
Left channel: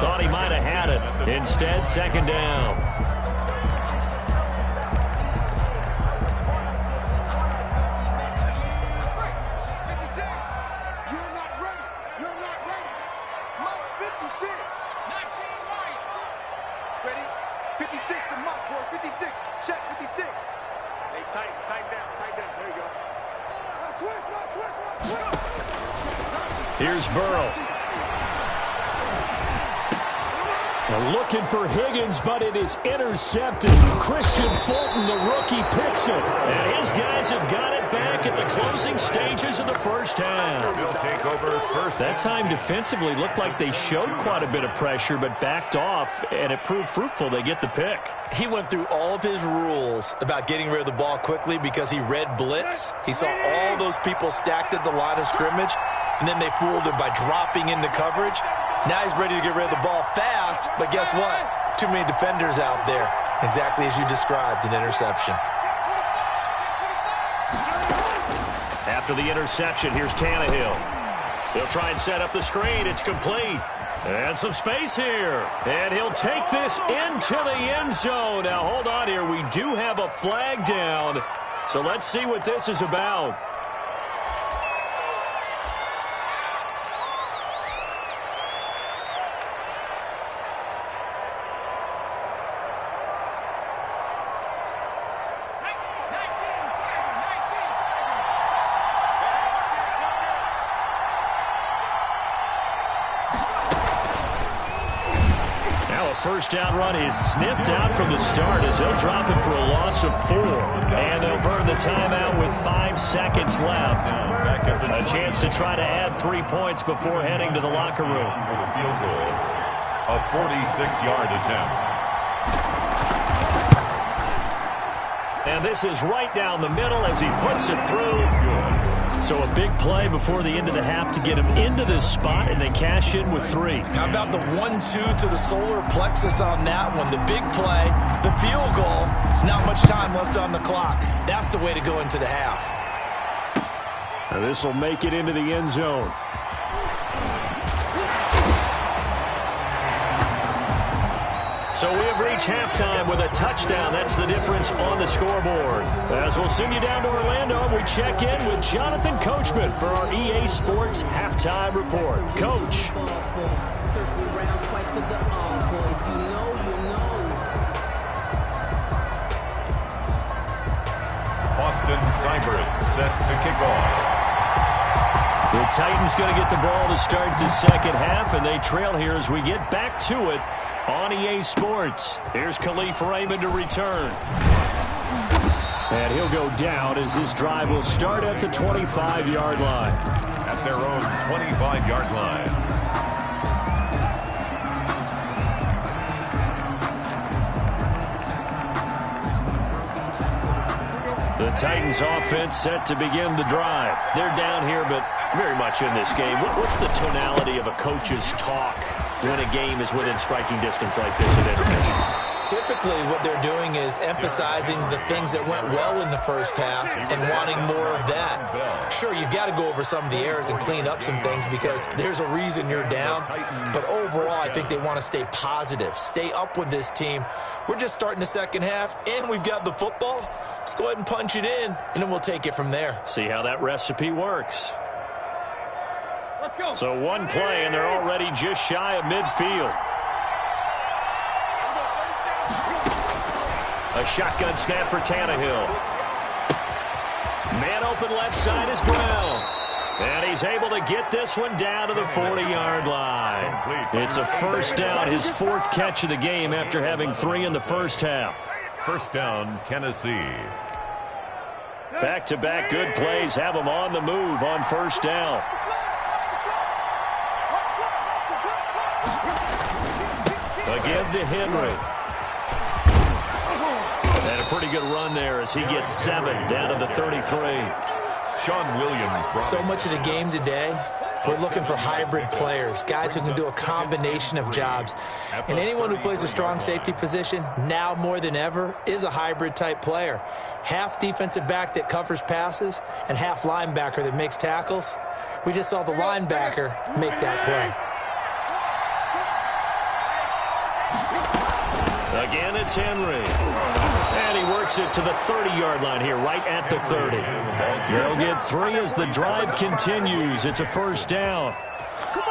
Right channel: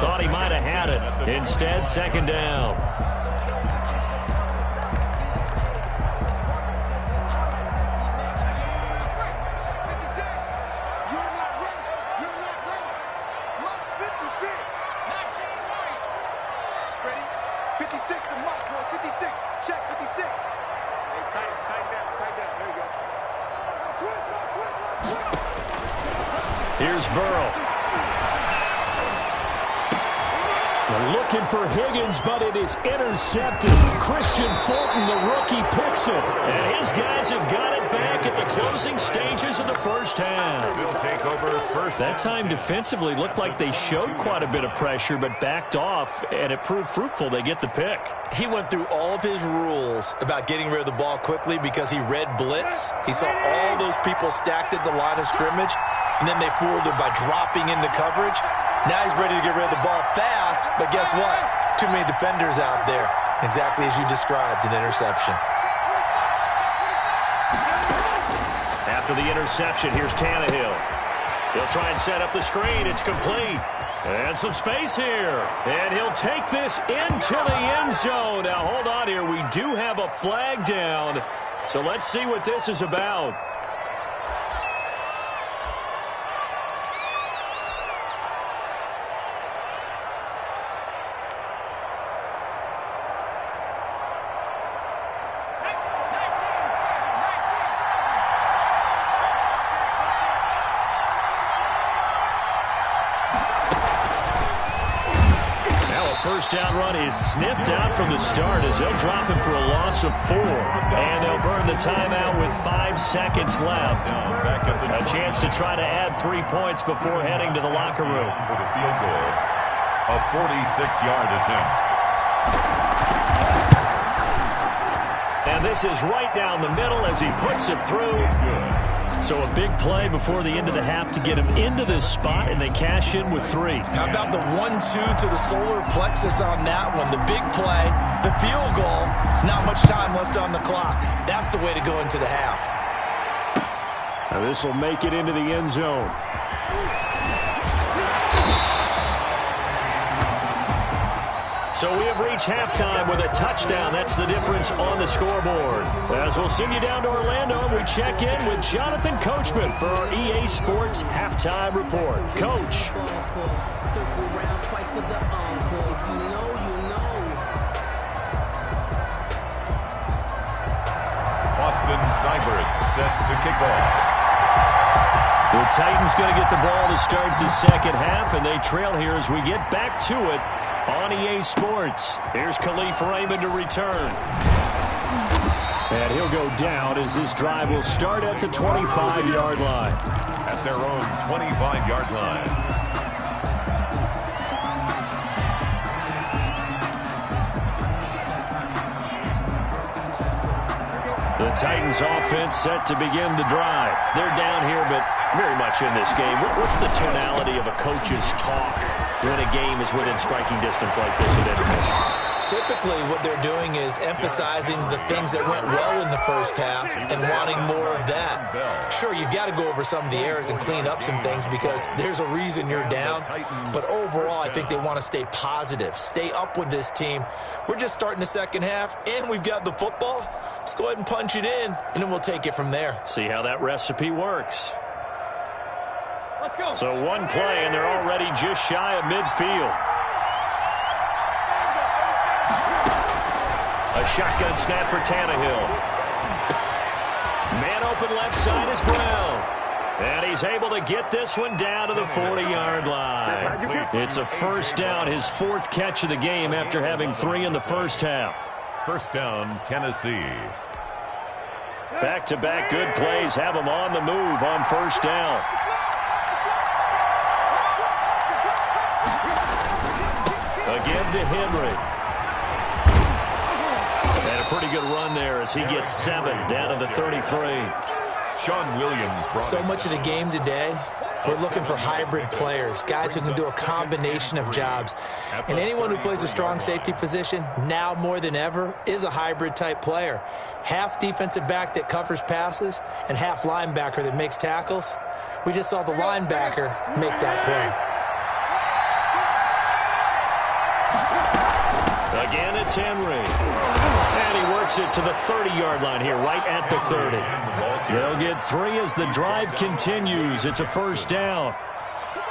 Thought he might have had it. Instead, second down. 56. You're not ready. You're not ready. Mike 56. 19 right. Ready? 56 to Mike, boys. 56. Check 56. Hey, tighten down. There you go. Switch. Here's Burrow. They're looking for Higgins, but it is intercepted. Christian Fulton, the rookie, picks it. And his guys have got it back at the closing stages of the first half. They'll take over first. That time defensively looked like they showed quite a bit of pressure, but backed off, and it proved fruitful. They get the pick. He went through all of his rules about getting rid of the ball quickly because he read blitz. He saw all those people stacked at the line of scrimmage, and then they fooled him by dropping into coverage. Now he's ready to get rid of the ball fast, but guess what? Too many defenders out there. Exactly as you described, an interception. After the interception, here's Tannehill. He'll try and set up the screen. It's complete. And some space here. And he'll take this into the end zone. Now, hold on here. We do have a flag down. So let's see what this is about. First down run is sniffed out from the start as they'll drop him for a loss of 4. And they'll burn the timeout with 5 seconds left. A chance to try to add 3 points before heading to the locker room. For the field goal, a 46-yard attempt. And this is right down the middle as he puts it through. Good. So a big play before the end of the half to get him into this spot, and they cash in with 3. How about the 1-2 to the solar plexus on that one? The big play, the field goal, not much time left on the clock. That's the way to go into the half. Now this will make it into the end zone. So we have reached halftime with a touchdown. That's the difference on the scoreboard. As we'll send you down to Orlando, and we check in with Jonathan Coachman for our EA Sports Halftime Report. Coach. Circle round twice for the encore. If you know, you know. Austin Seibert set to kick off. The Titans going to get the ball to start the second half, and they trail here as we get back to it on EA Sports. Here's Khalif Raymond to return. And he'll go down as this drive will start at the 25-yard line. At their own 25-yard line. The Titans offense set to begin the drive. They're down here, but Very much in this game. What's the tonality of a coach's talk when a game is within striking distance like this at intermission? Typically, what they're doing is emphasizing the things that went well in the first half and wanting more of that. Sure, you've got to go over some of the errors and clean up some things because there's a reason you're down. But overall, I think they want to stay positive, stay up with this team. We're just starting the second half, and we've got the football. Let's go ahead and punch it in, and then we'll take it from there. See how that recipe works. So one play, and they're already just shy of midfield. A shotgun snap for Tannehill. Man open left side is Brown. And he's able to get this one down to the 40-yard line. It's a first down, his fourth catch of the game after having 3 in the first half. First down, Tennessee. Back-to-back good plays have him on the move on first down. Again to Henry. And a pretty good run there as he gets 7 down to the 33. Sean Williams. So much of the game today, we're looking for hybrid players, guys who can do a combination of jobs. And anyone who plays a strong safety position, now more than ever, is a hybrid-type player. Half defensive back that covers passes and half linebacker that makes tackles. We just saw the linebacker make that play. Again, it's Henry. And he works it to the 30-yard line here, right at the 30. They'll get 3 as the drive continues. It's a first down.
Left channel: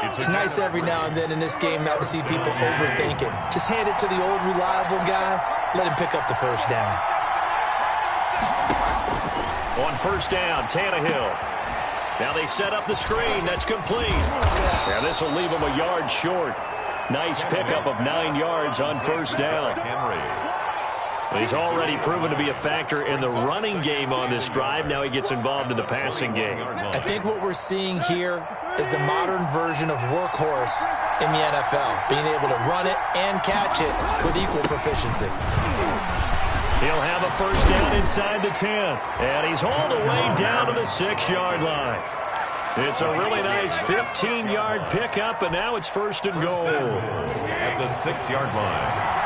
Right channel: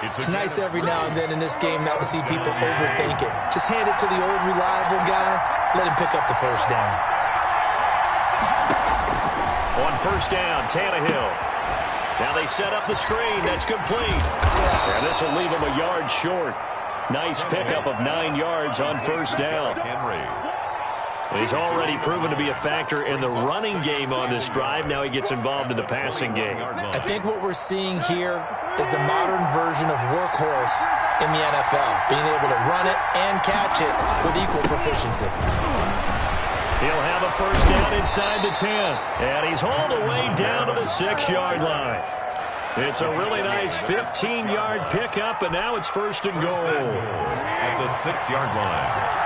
It's nice every now and then in this game not to see people overthink it. Just hand it to the old reliable guy. Let him pick up the first down. On first down, Tannehill. Now they set up the screen. That's complete. And this will leave him a yard short. Nice pickup of 9 yards on first down. He's already proven to be a factor in the running game on this drive. Now he gets involved in the passing game. I think what we're seeing here is the modern version of workhorse in the NFL, being able to run it and catch it with equal proficiency. He'll have a first down inside the 10. And he's hauled away down to the 6-yard line. It's a really nice 15-yard pickup, and now it's first and goal. At the 6-yard line.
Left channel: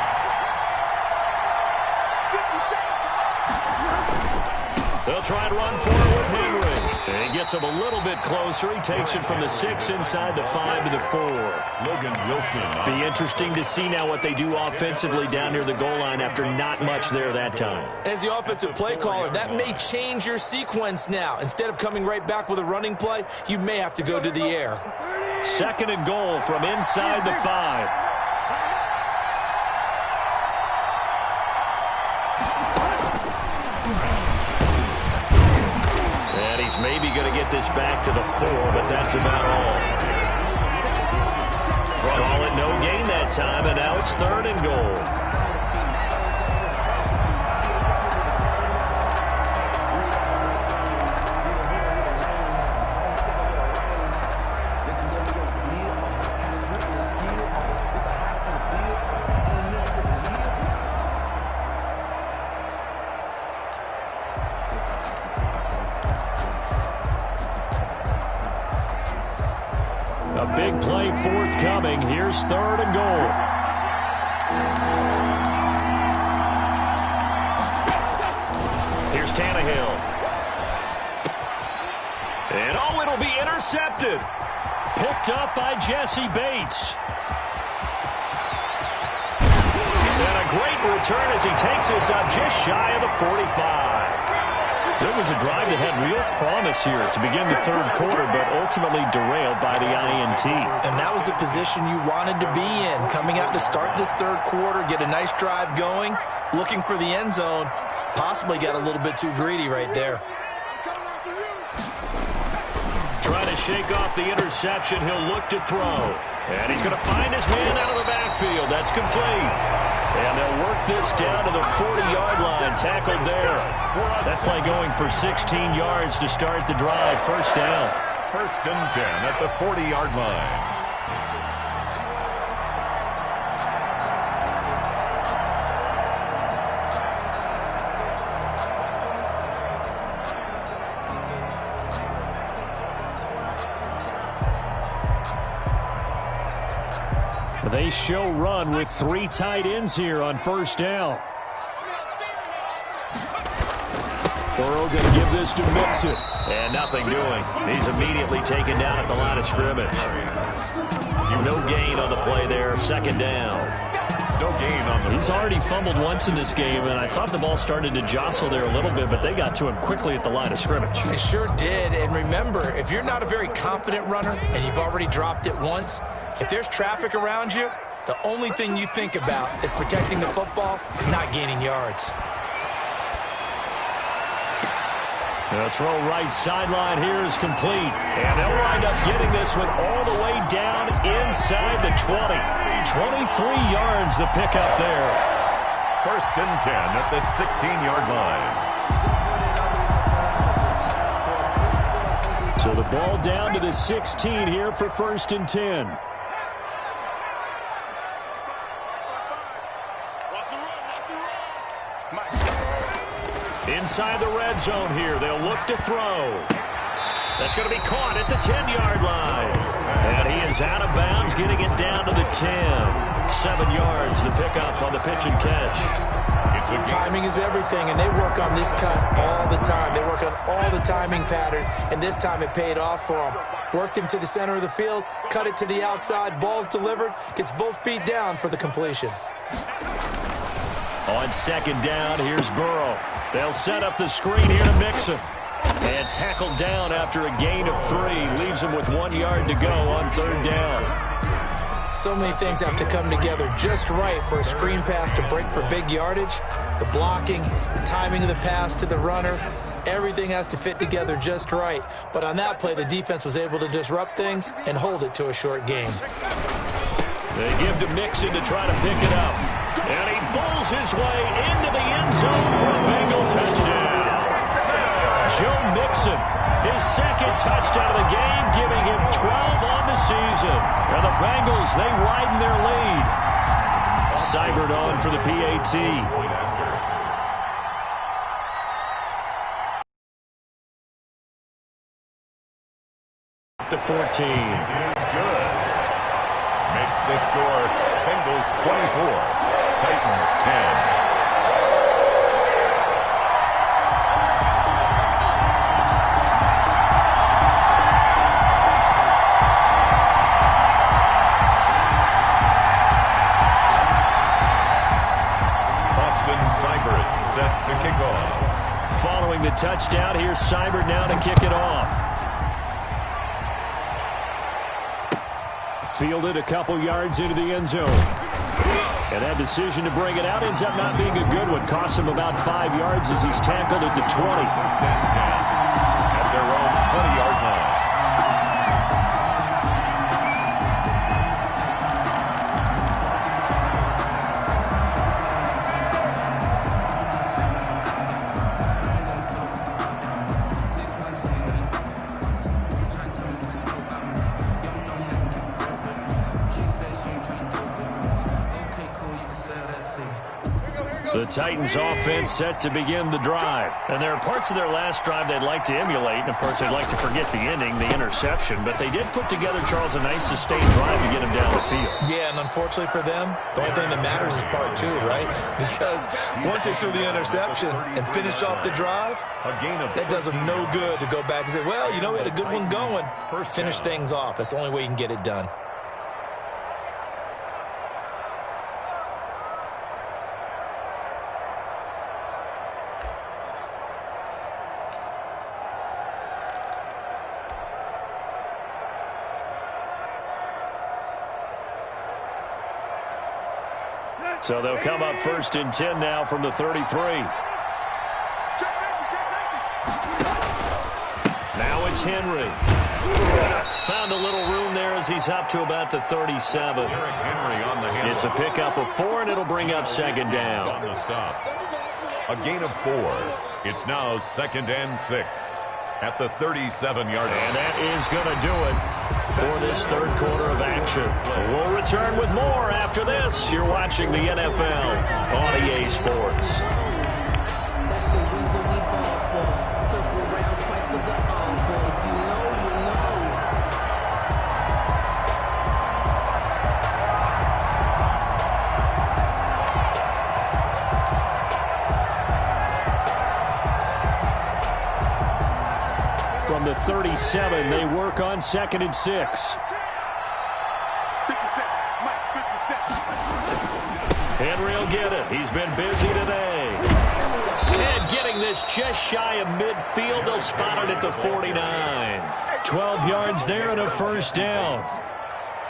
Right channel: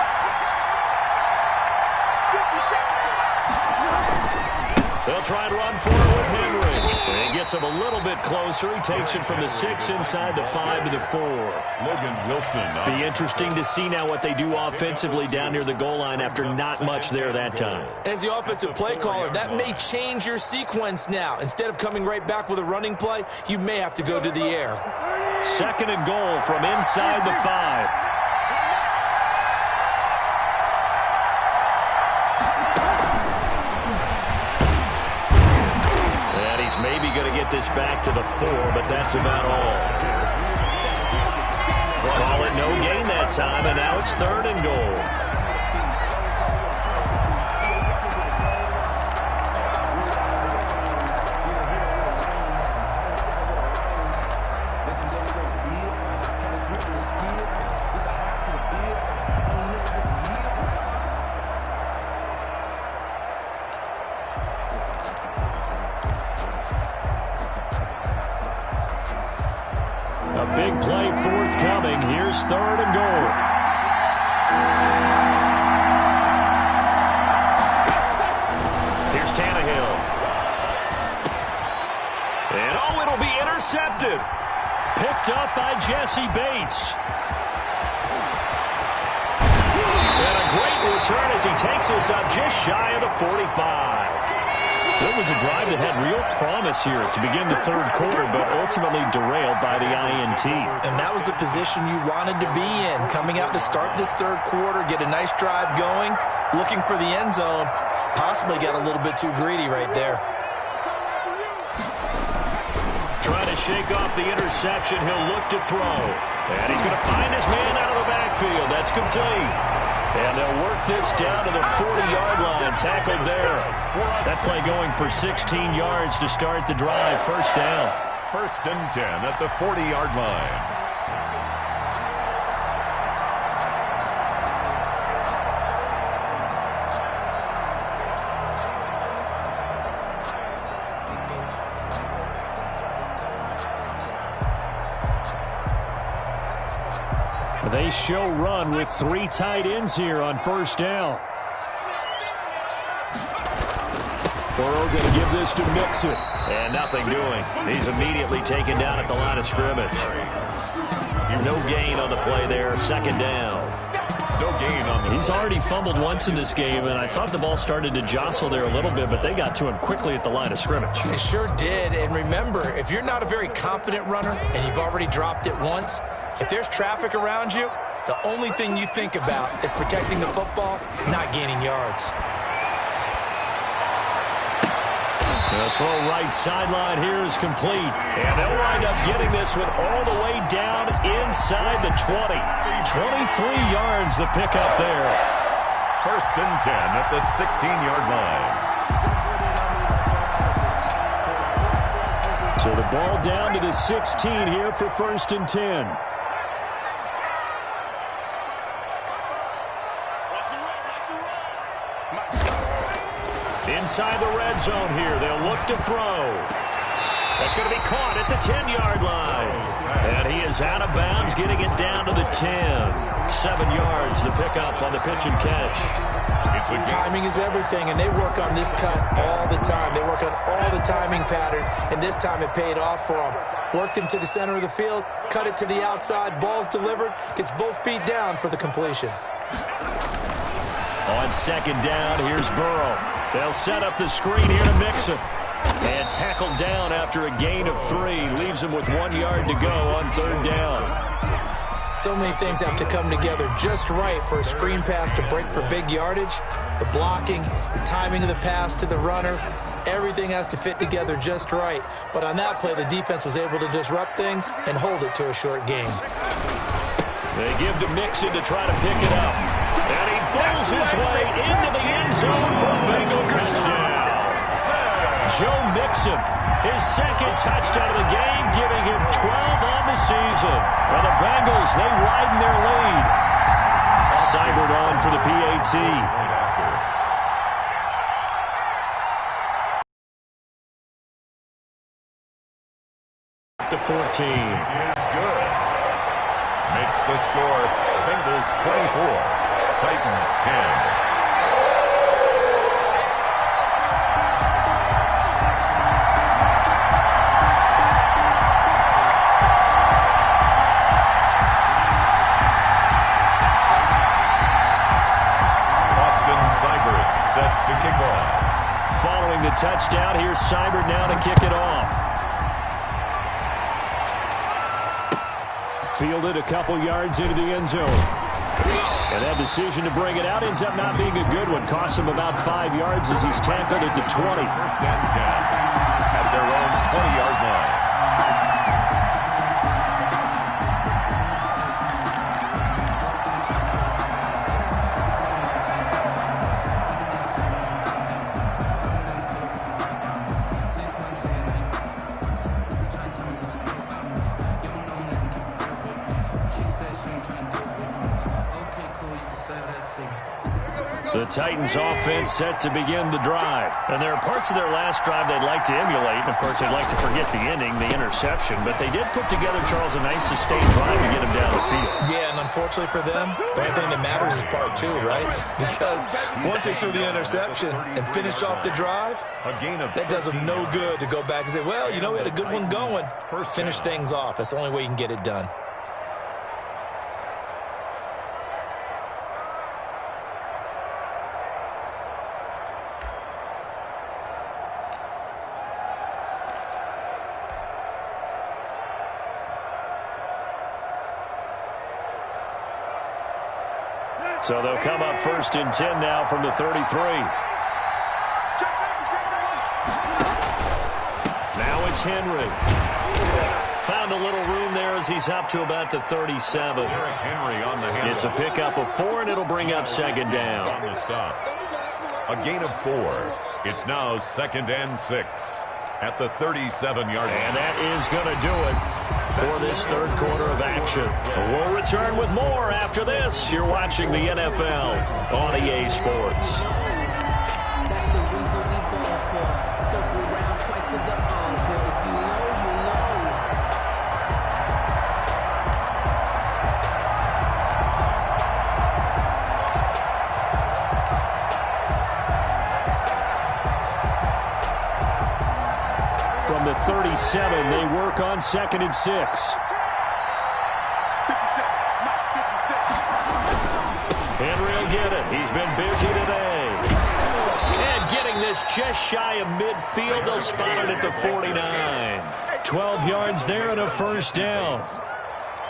They'll try to run for it with Henry. And he gets him a little bit closer. He takes it from the 6 inside the 5 to the 4. Logan Wilson. Be interesting to see now what they do offensively down near the goal line after not much there that time. As the offensive play caller, that may change your sequence now. Instead of coming right back with a running play, you may have to go to the air. Second and goal from inside the 5. And he's maybe going to get this back to the 4, but that's about all. Call it no gain that time, and now it's third and goal. A big play forthcoming. Here's third and goal. Here's Tannehill. And oh, it'll be intercepted. Picked up by Jesse Bates. And a great return as he takes us up just shy of the 45. So it was a drive that had real promise here to begin the third quarter, but ultimately derailed by the INT. And that was the position you wanted to be in, coming out to start this third quarter, get a nice drive going, looking for the end zone. Possibly got a little bit too greedy right there. Trying to shake off the interception, he'll look to throw. And he's going to find his man out of the backfield. That's complete. And they'll work this down to the 40-yard line, tackled there. That play going for 16 yards to start the drive. First down. First and 10 at the 40-yard line. They show run with 3 tight ends here on first down. Burrow going to give this to Mixon. And nothing doing. He's immediately taken down at the line of scrimmage. No gain on the play there. Second down. No gain on the He's already fumbled once in this game, and I thought the ball started to jostle there a little bit, but they got to him quickly at the line of scrimmage. They sure did. And remember, if you're not a very confident runner and you've already dropped it once, if there's traffic around you, the only thing you think about is protecting the football, not gaining yards. The throw right sideline here is complete. And they'll wind up getting this one all the way down inside the 20. 23 yards the pickup there. First and 10 at the 16-yard line. So the ball down to the 16 here for first and 10. Inside the red zone here. They'll look to throw. That's going to be caught at the 10-yard line. And he is out of bounds, getting it down to the 10. 7 yards, the pickup on the pitch and catch. Timing is everything, and they work on this cut all the time. They work on all the timing patterns, and this time it paid off for them. Worked him to the center of the field, cut it to the outside, ball's delivered, gets both feet down for the completion. On second down, here's Burrow. They'll set up the screen here to Mixon. And tackled down after a gain of 3. Leaves him with 1 yard to go on third down. So many things have to come together just right for a screen pass to break for big yardage. The blocking, the timing of the pass to the runner, everything has to fit together just right. But on that play, the defense was able to disrupt things and hold it to a short game. They give to Mixon to try to pick it up. And he bowls his way into the end zone for a Bengal touchdown. Joe Mixon, his second touchdown of the game, giving him 12 on the season. And the Bengals, they widen their lead. Seibert on for the PAT. To 14. Is good. Makes the score Bengals 24, Titans 10. Seibert set to kick off. Following the touchdown, here's Seibert now to kick it off. Fielded a couple yards into the end zone. And that decision to bring it out ends up not being a good one. Costs him about 5 yards as he's tackled at the 20. First and 10 at their own 20-yard line. The Titans offense set to begin the drive. And there are parts of their last drive they'd like to emulate. And, of course, they'd like to forget the ending, the interception. But they did put together, Charles, a nice sustained drive to get him down the field. Yeah, and unfortunately for them, the only thing that matters is part 2, right? Because once they threw the interception and finished off the drive, that does them no good to go back and say, well, you know, we had a good one going. Finish things off. That's the only way you can get it done. So they'll come up first and 10 now from the 33. Now it's Henry. Found a little room there as he's up to about the 37. Henry on the handle. It's a pickup of 4, and it'll bring up second down. On the stop. A gain of 4. It's now 2nd and 6 at the 37-yard line. And that is going to do it for this third quarter of action. We'll return with more after this. You're watching the NFL on EA Sports. That's the reason we ball for. Circle round twice for the encore. If you know, you know. From the 37, they work on 2nd and 6. 57. Mike, 56. Henry will get it. He's been busy today. And getting this just shy of midfield, they'll spot it at the 49. 12 yards there and a first down.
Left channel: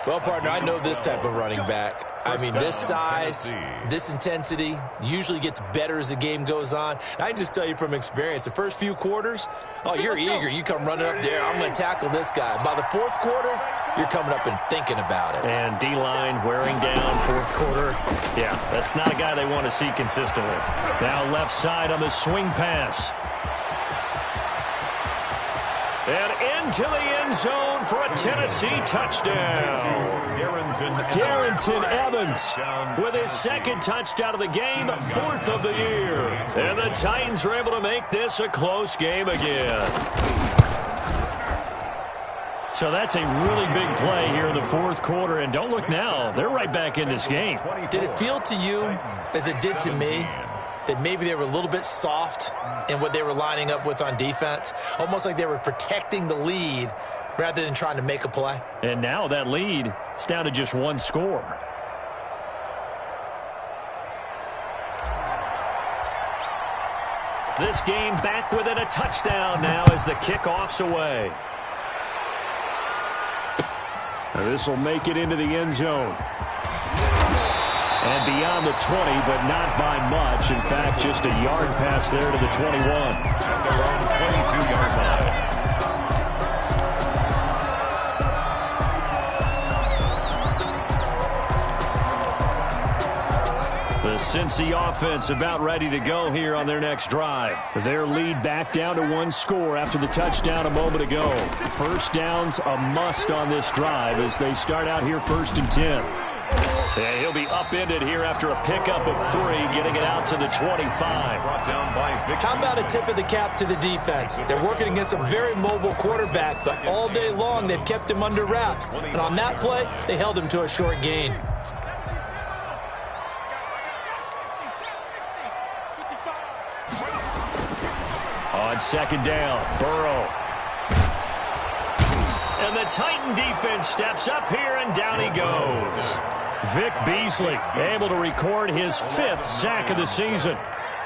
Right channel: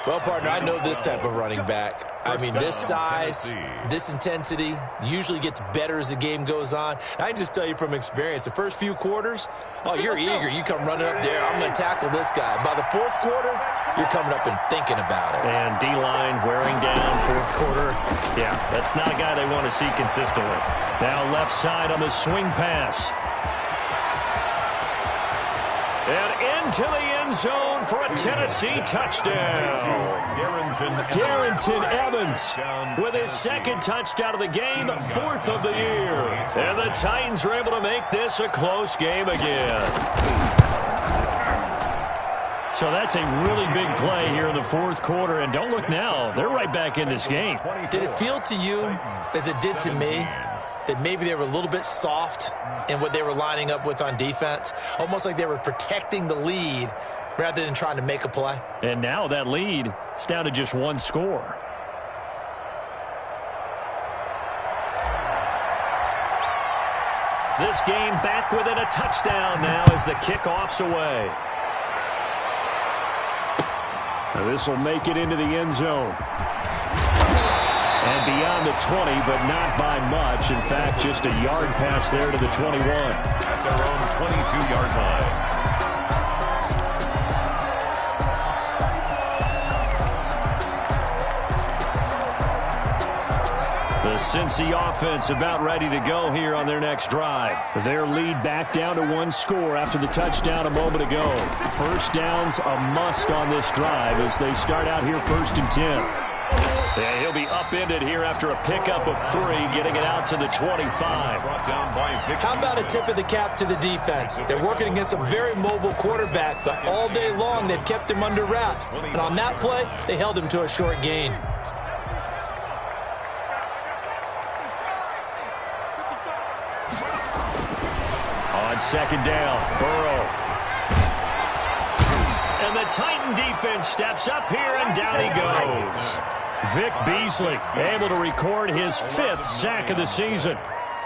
Well, partner, I know this type of running back. I mean, this size, this intensity usually gets better as the game goes on. And I can just tell you from experience, the first few quarters, oh, you're eager. You come running up there, I'm going to tackle this guy. By the fourth quarter, you're coming up and thinking about it. And D-line wearing down fourth quarter. Yeah, that's not a guy they want to see consistently. Now left side on the swing pass. And into the end zone for a Tennessee touchdown. Darrington Evans with his second touchdown of the game, 4th of the year. And the Titans are able to make this a close game again. So that's a really big play here in the fourth quarter. And don't look now, they're right back in this game. Did it feel to you, as it did to me, that maybe they were a little bit soft in what they were lining up with on defense? Almost like they were protecting the lead rather than trying to make a play. And now that lead is down to just one score. This game back within a touchdown now as the kickoff's away. Now this will make it into the end zone. And beyond the 20, but not by much. In fact, just a yard pass there to the 21. At their own 22-yard line. The Cincy offense about ready to go here on their next drive. Their lead back down to one score after the touchdown a moment ago. First down's a must on this drive as they start out here 1st and 10. Yeah, he'll be upended here after a pickup of 3, getting it out to the 25. How about a tip of the cap to the defense? They're working against a very mobile quarterback, but all day long they've kept him under wraps. And on that play, they held him to a short gain. On 2nd down, Burrow. And the Titan defense steps up here, and down he goes. Vic Beasley able to record his 5th sack of the season.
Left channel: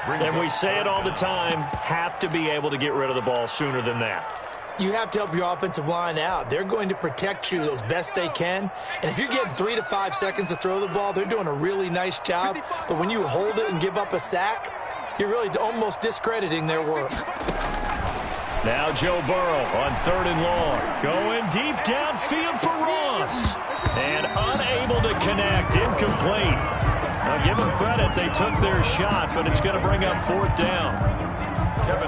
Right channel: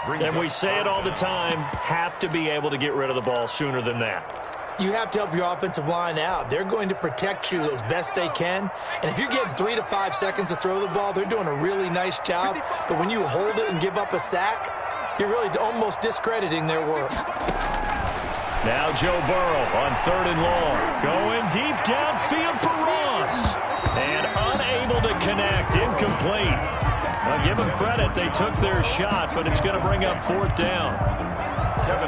And we say it all the time, have to be able to get rid of the ball sooner than that. You have to help your offensive line out. They're going to protect you as best they can. And if you're getting 3 to 5 seconds to throw the ball, they're doing a really nice job. But when you hold it and give up a sack, you're really almost discrediting their work. Now Joe Burrow on 3rd and long. Going deep downfield for Ross. And unable to connect. Incomplete. Now give them credit. They took their shot, but it's going to bring up 4th down.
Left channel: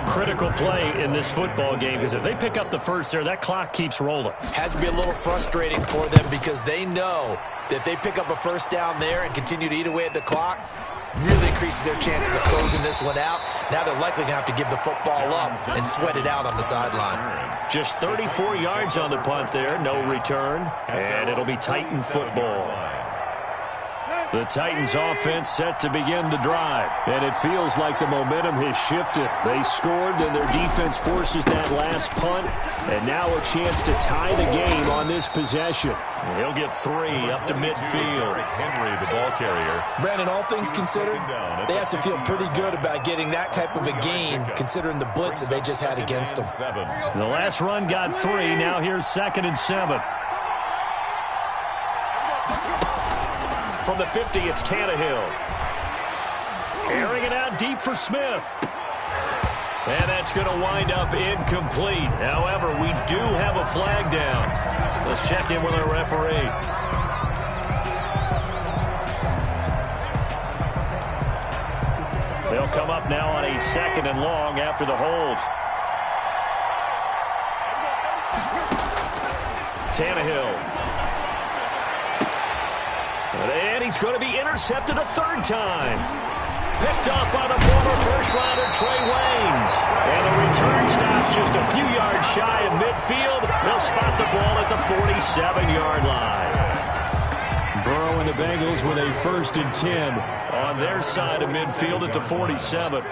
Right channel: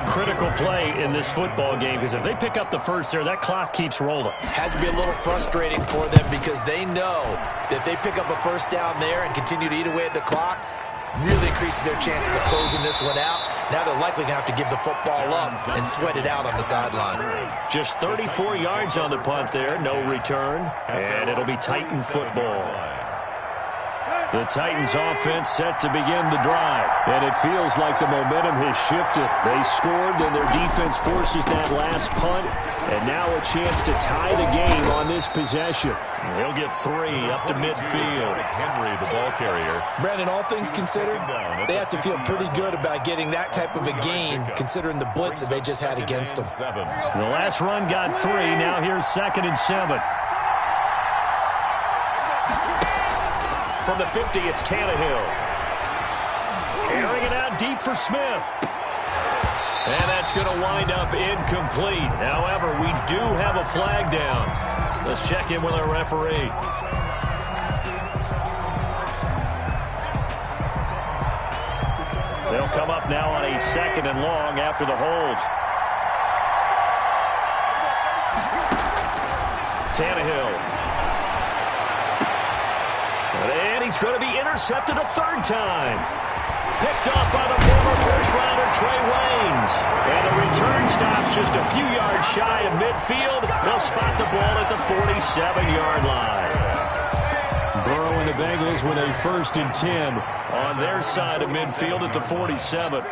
Critical play in this football game because if they pick up the first there, that clock keeps rolling. Has to be a little frustrating for them because they know that if they pick up a first down there and continue to eat away at the clock, really increases their chances of closing this one out. Now they're likely going to have to give the football up and sweat it out on the sideline. Just 34 yards on the punt there, no return, and it'll be Titan football. The Titans offense set to begin the drive, and it feels like the momentum has shifted. They scored, then their defense forces that last punt, and now a chance to tie the game on this possession. He'll get 3 up to midfield. Henry, the ball carrier. Brandon, all things considered, they have to feel pretty good about getting that type of a gain, considering the blitz that they just had against them. The last run got 3. Now here's 2nd and 7. From the 50, it's Tannehill. Carrying it out deep for Smith. And that's going to wind up incomplete. However, we do have a flag down. Let's check in with our referee. They'll come up now on a 2nd and long after the hold. Tannehill. And he's going to be intercepted a 3rd time. Picked up by the former first-rounder Trey Waynes. And the return stops just a few yards shy of midfield. They'll spot the ball at the 47-yard line. Burrow and the Bengals with a 1st and 10 on their side of midfield at the 47.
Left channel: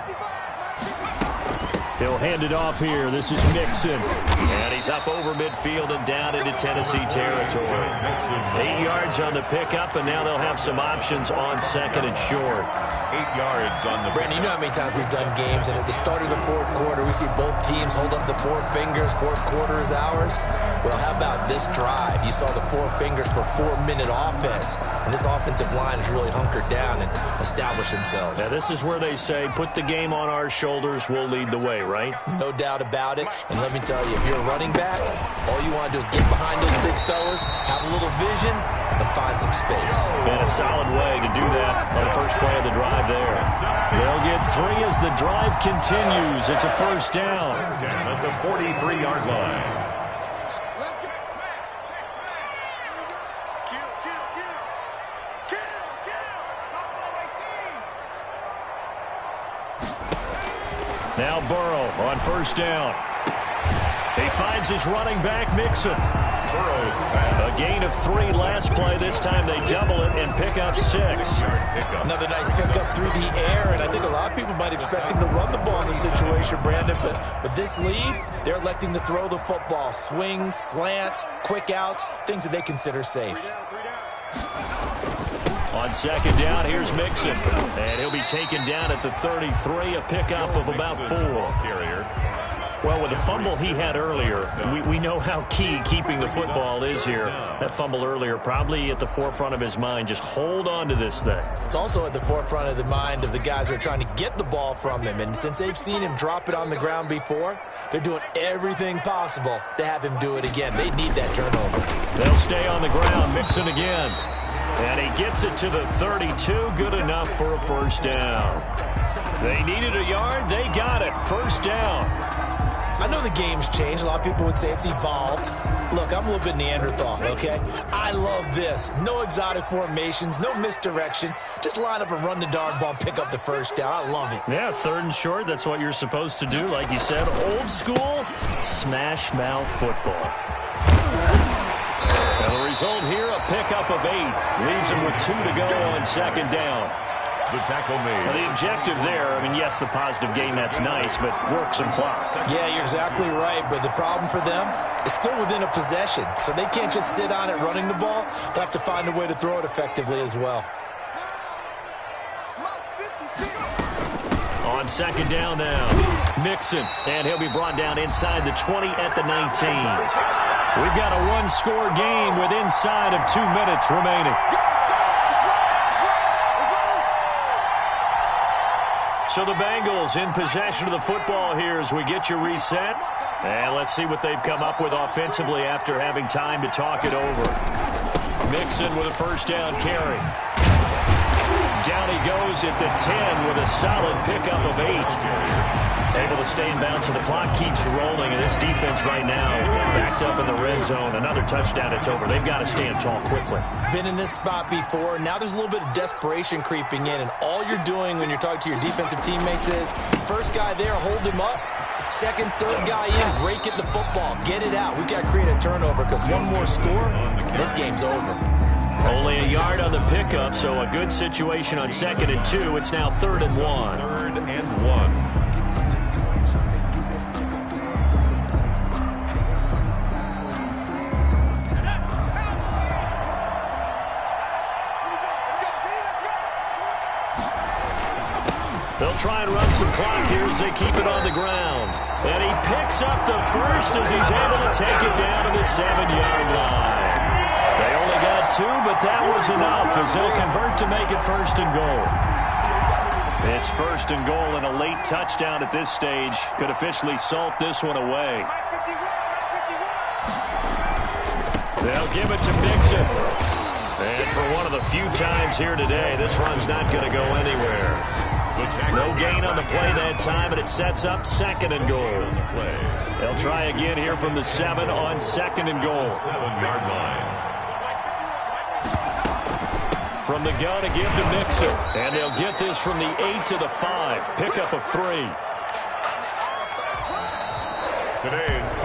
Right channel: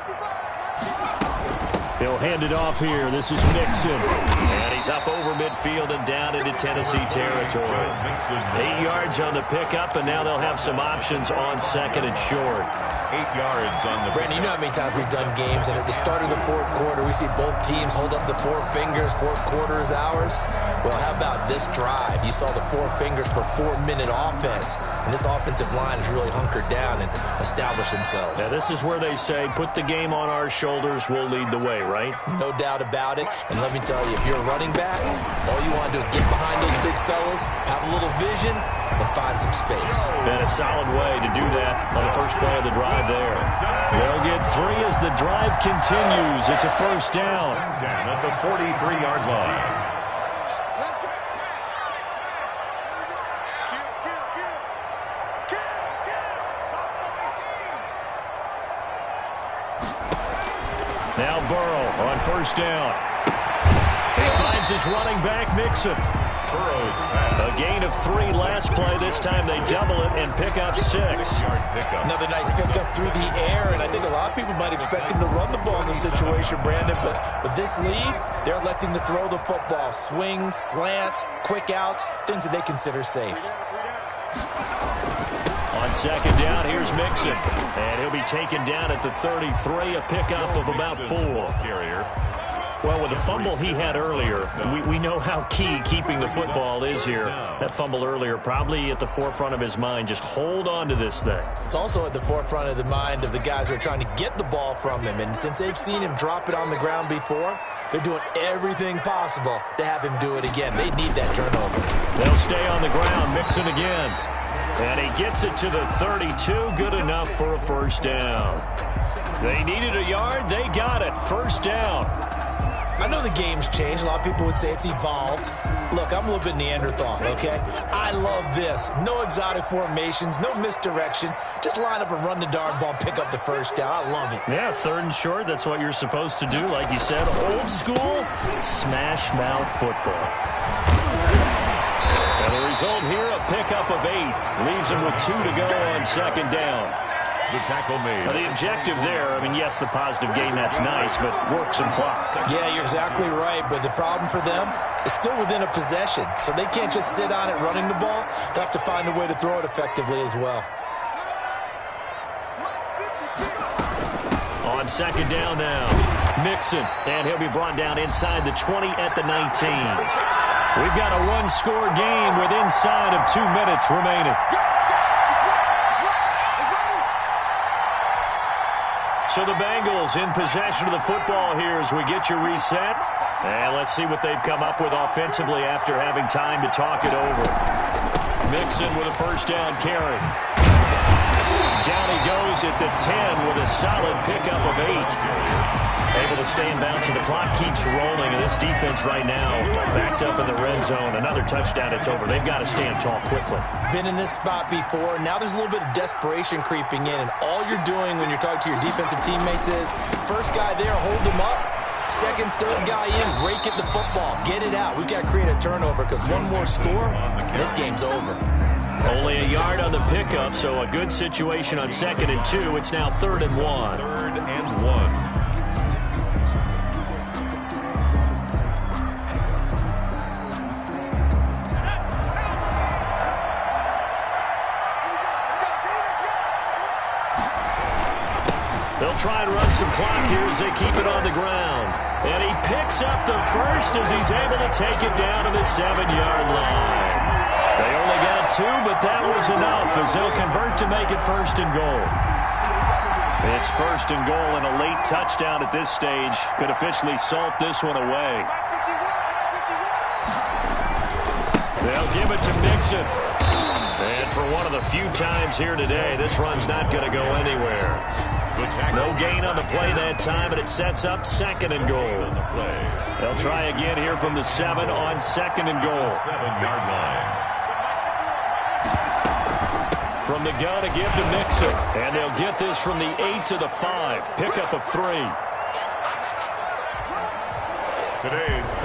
He'll hand it off here. This is Mixon. And he's up over midfield and down into Tennessee territory. 8 yards on the pickup, and now they'll have some options on second and short. 8 yards on the Brandon, you know how many times we've done games, and at the start of the fourth quarter, we see both teams hold up the four fingers, fourth quarter is ours. Well, how about this drive? You saw the four fingers for 4-minute offense, and this offensive line has really hunkered down and established themselves. Now, this is where they say, put the game on our shoulders, we'll lead the way, right? No doubt about it, and let me tell you, if you're a running back, all you want to do is get behind those big fellas, have a little vision, and find some space. And a solid way to do that on the first play of the drive there. They'll get 3 as the drive continues. It's a first down. At the 43-yard line. Now Burrow on first down. He finds his running back, Mixon. A gain of 3 last play. This time they double it and pick up 6. Another nice pickup through the air, and I think a lot of people might expect him to run the ball in this situation, Brandon, but with this lead, they're electing to throw the football. Swings, slants, quick outs, things that they consider safe. On second down, here's Mixon, and he'll be taken down at the 33, a pickup of about 4. Well, with the fumble he had earlier, we know how key keeping the football is here. That fumble earlier probably at the forefront of his mind. Just hold on to this thing. It's also at the forefront of the mind of the guys who are trying to get the ball from him. And since they've seen him drop it on the ground before, they're doing everything possible to have him do it again. They need that turnover. They'll stay on the ground. Mixon again. And he gets it to the 32. Good enough for a first down. They needed a yard. They got it. First down. I know the game's changed. A lot of people would say it's evolved. Look, I'm a little bit Neanderthal, okay? I love this. No exotic formations, no misdirection. Just line up and run the darn ball and pick up the first down. I love it. Yeah, third and short. That's what you're supposed to do. Like you said, old school, smash mouth football. And the result here, a pickup of 8. Leaves him with 2 to go on second down. The tackle made. Now, the objective there, I mean, yes, the positive gain, that's nice, but work some clock. Yeah, you're exactly right, but the problem for them is still within a possession, so they can't just sit on it running the ball. They'll have to find a way to throw it effectively as well. On second down now, Mixon, and he'll be brought down inside the 20 at the 19. We've got a one-score game with inside of 2 minutes remaining. So the Bengals in possession of the football here as we get you reset. And let's see what they've come up with offensively after having time to talk it over. Mixon with a first down carry. Down he goes at the 10 with a solid pickup of 8. Able to stay in bounds, and the clock keeps rolling. And this defense right now backed up in the red zone. Another touchdown, it's over. They've got to stand tall quickly. Been in this spot before. Now there's a little bit of desperation creeping in. And all you're doing when you're talking to your defensive teammates is, first guy there, hold him up. Second, third guy in, break at the football. Get it out. We've got to create a turnover because one more score, and this game's over. Only a yard on the pickup, so a good situation on second and 2. It's now 3rd and 1. 3rd and 1. They'll try and run some clock here as they keep it on the ground. And he picks up the first as he's able to take it down to the 7-yard line. They only got 2, but that was enough as they'll convert to make it 1st and goal. It's 1st and goal, and a late touchdown at this stage could officially salt this one away. They'll give it to Mixon. And for one of the few times here today, this run's not going to go anywhere. No gain on the play that time, and it sets up 2nd and goal. They'll try again here from the 7 on 2nd and goal. 7-yard line. From the gun to give to Mixon. And they'll get this from the 8 to the 5. Pickup of 3.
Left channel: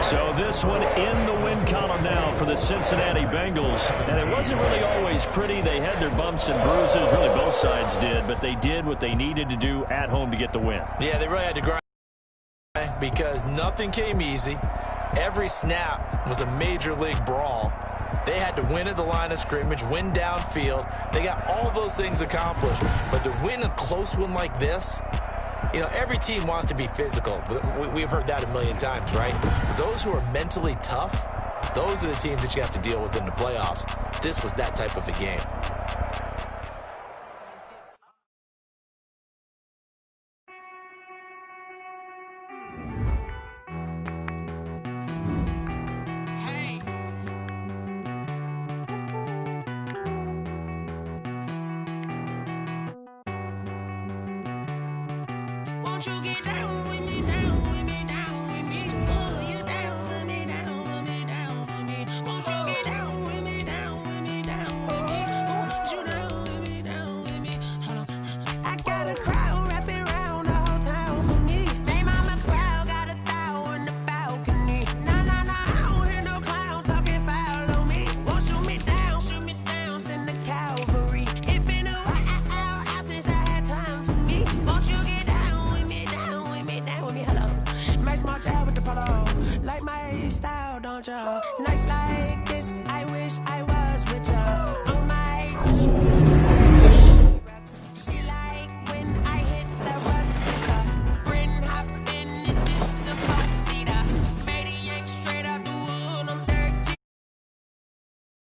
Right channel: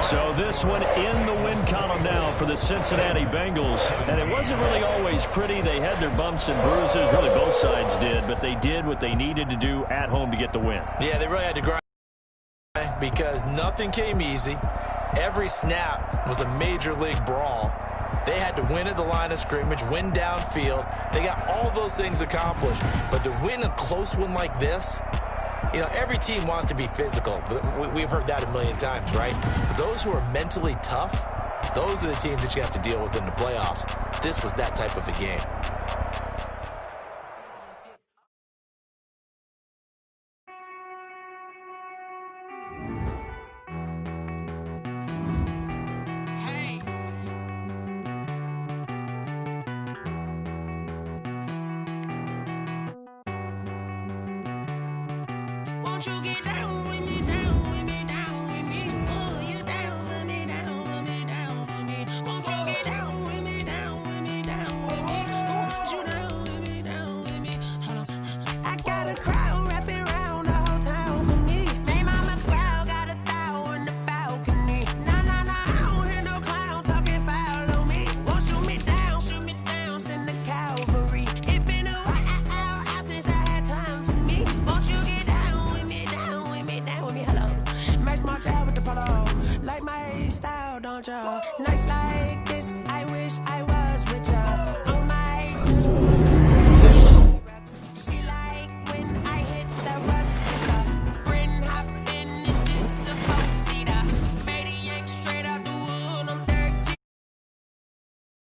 So this one in the win column now for the Cincinnati Bengals. And it wasn't really always pretty. They had their bumps and bruises. Really both sides did. But they did what they needed to do at home to get the win. Yeah, they really had to grind. Because nothing came easy. Every snap was a major league brawl. They had to win at the line of scrimmage, win downfield. They got all those things accomplished. But to win a close one like this, you know, every team wants to be physical. We've heard that a million times, right? But those who are mentally tough, those are the teams that you have to deal with in the playoffs. This was that type of a game. Won't you get down with me, down with me, down with me? Oh, you down with me, down with me, down with me. Won't you get down with me, down with me, down with me? Oh, you down with me, down with me? Hold on. I got a crowd wrapping around the whole town for me. May mama proud, got a thou in the balcony. Nah, nah, nah, I don't hear no clown talking foul on me. Won't shoot me down, send the cavalry. It been a while since I had time for me. Won't you get down with me, down with me, down with me? Hello, Max March out with the polo. Like my style, don't y'all? Nice